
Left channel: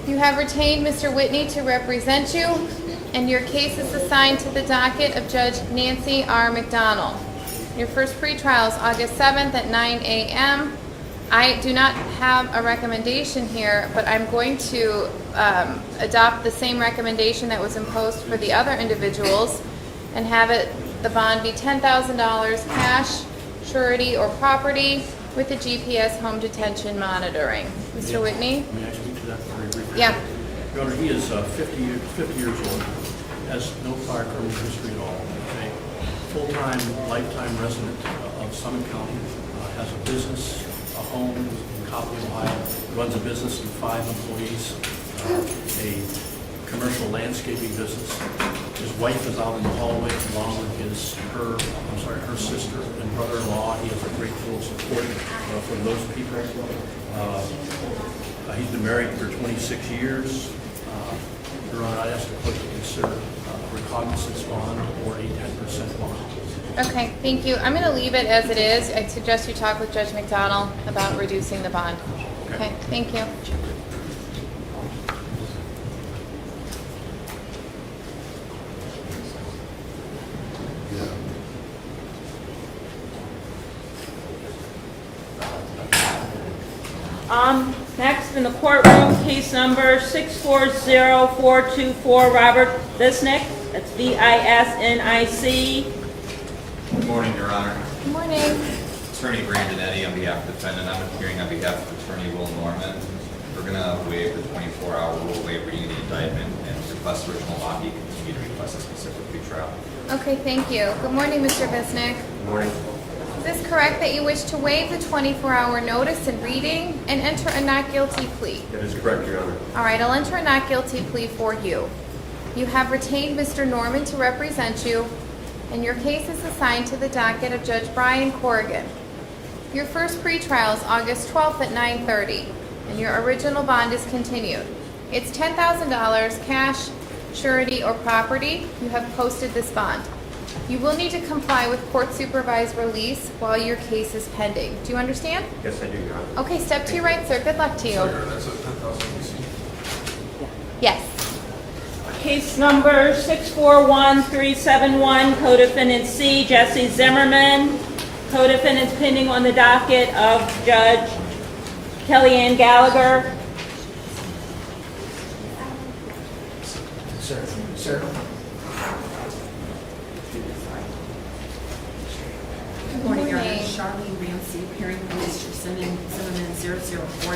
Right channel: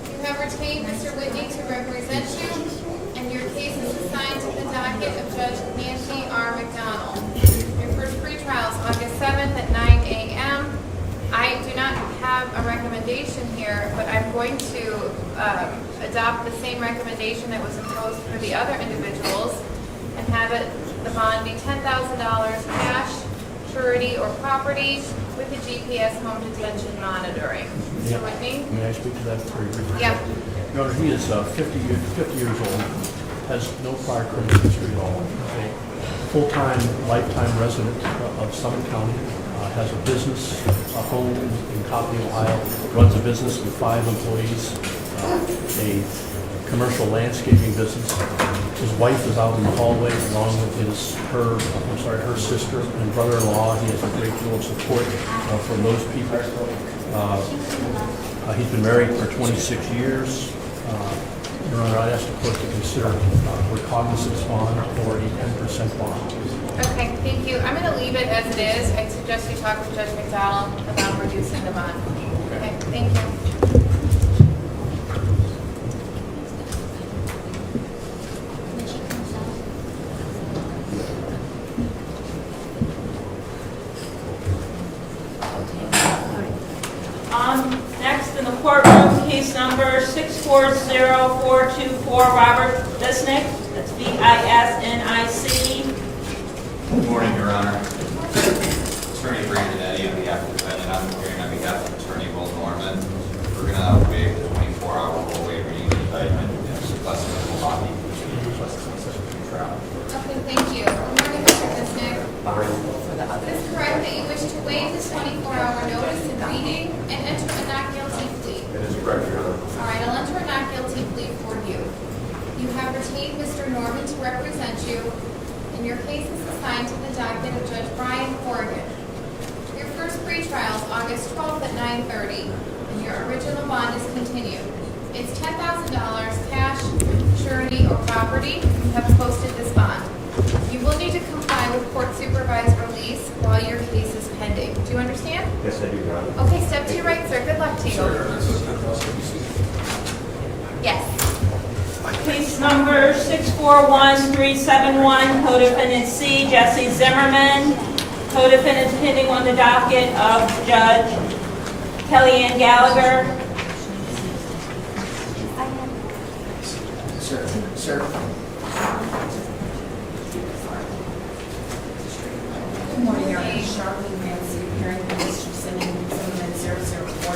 You have retained Mr. Whitney to represent you, and your case is assigned to the docket of Judge Nancy R. McDonald. Your first pretrial is August 7th at 9 a.m. I do not have a recommendation here, but I'm going to adopt the same recommendation that was imposed for the other individuals and have the bond be $10,000 cash, surety, or property with the GPS home detention monitoring. Mr. Whitney? May I speak to that very briefly? Yeah. Your Honor, he is 50 years old, has no prior criminal history at all, is a full-time, lifetime resident of Summit County, has a business, a home in Copley, Ohio, runs a business with 5 employees, a commercial landscaping business. His wife is out in the hallway along with her sister and brother-in-law. He has a great deal of support from those people. He's been married for 26 years. Your Honor, I ask the court to consider recognizance bond or a 10% bond. Okay, thank you. I'm going to leave it as it is. I suggest you talk with Judge McDonald about reducing the bond. Okay, thank you. Next in the courtroom, case number 640424, Robert Visnick. That's V-I-S-N-I-C. Good morning, Your Honor. Good morning. Attorney Brandon Eddy on behalf of the defendant. I'm appearing on behalf of Attorney Will Norman. We're going to waive the 24-hour rule, waive reading the indictment, and sequester the Milwaukee, which we request a specific trial. Thank you. Good morning, Mr. Bisnick. Is this correct that you wish to waive the 24-hour notice and reading and enter a not guilty plea? That is correct, Your Honor. All right, I'll enter a not guilty plea for you. You have retained Mr. Norman to represent you, and your case is assigned to the docket of Judge Brian Corrigan. Your first pretrial is August 12th at 9:30, and your original bond is continued. It's $10,000 cash, surety, or property. You have posted this bond. You will need to comply with court supervised release while your case is pending. Do you understand? Yes, I do, Your Honor. Okay, step to your right, sir. Good luck to you. Yes. Case number 641371, co-defendant C, Jesse Zimmerman. Co-defendants pending on the docket of Judge Kellyanne Gallagher. Sir. Good morning, Your Honor. Charlene Ramsey, appearing for Mr. Zimmerman, 004.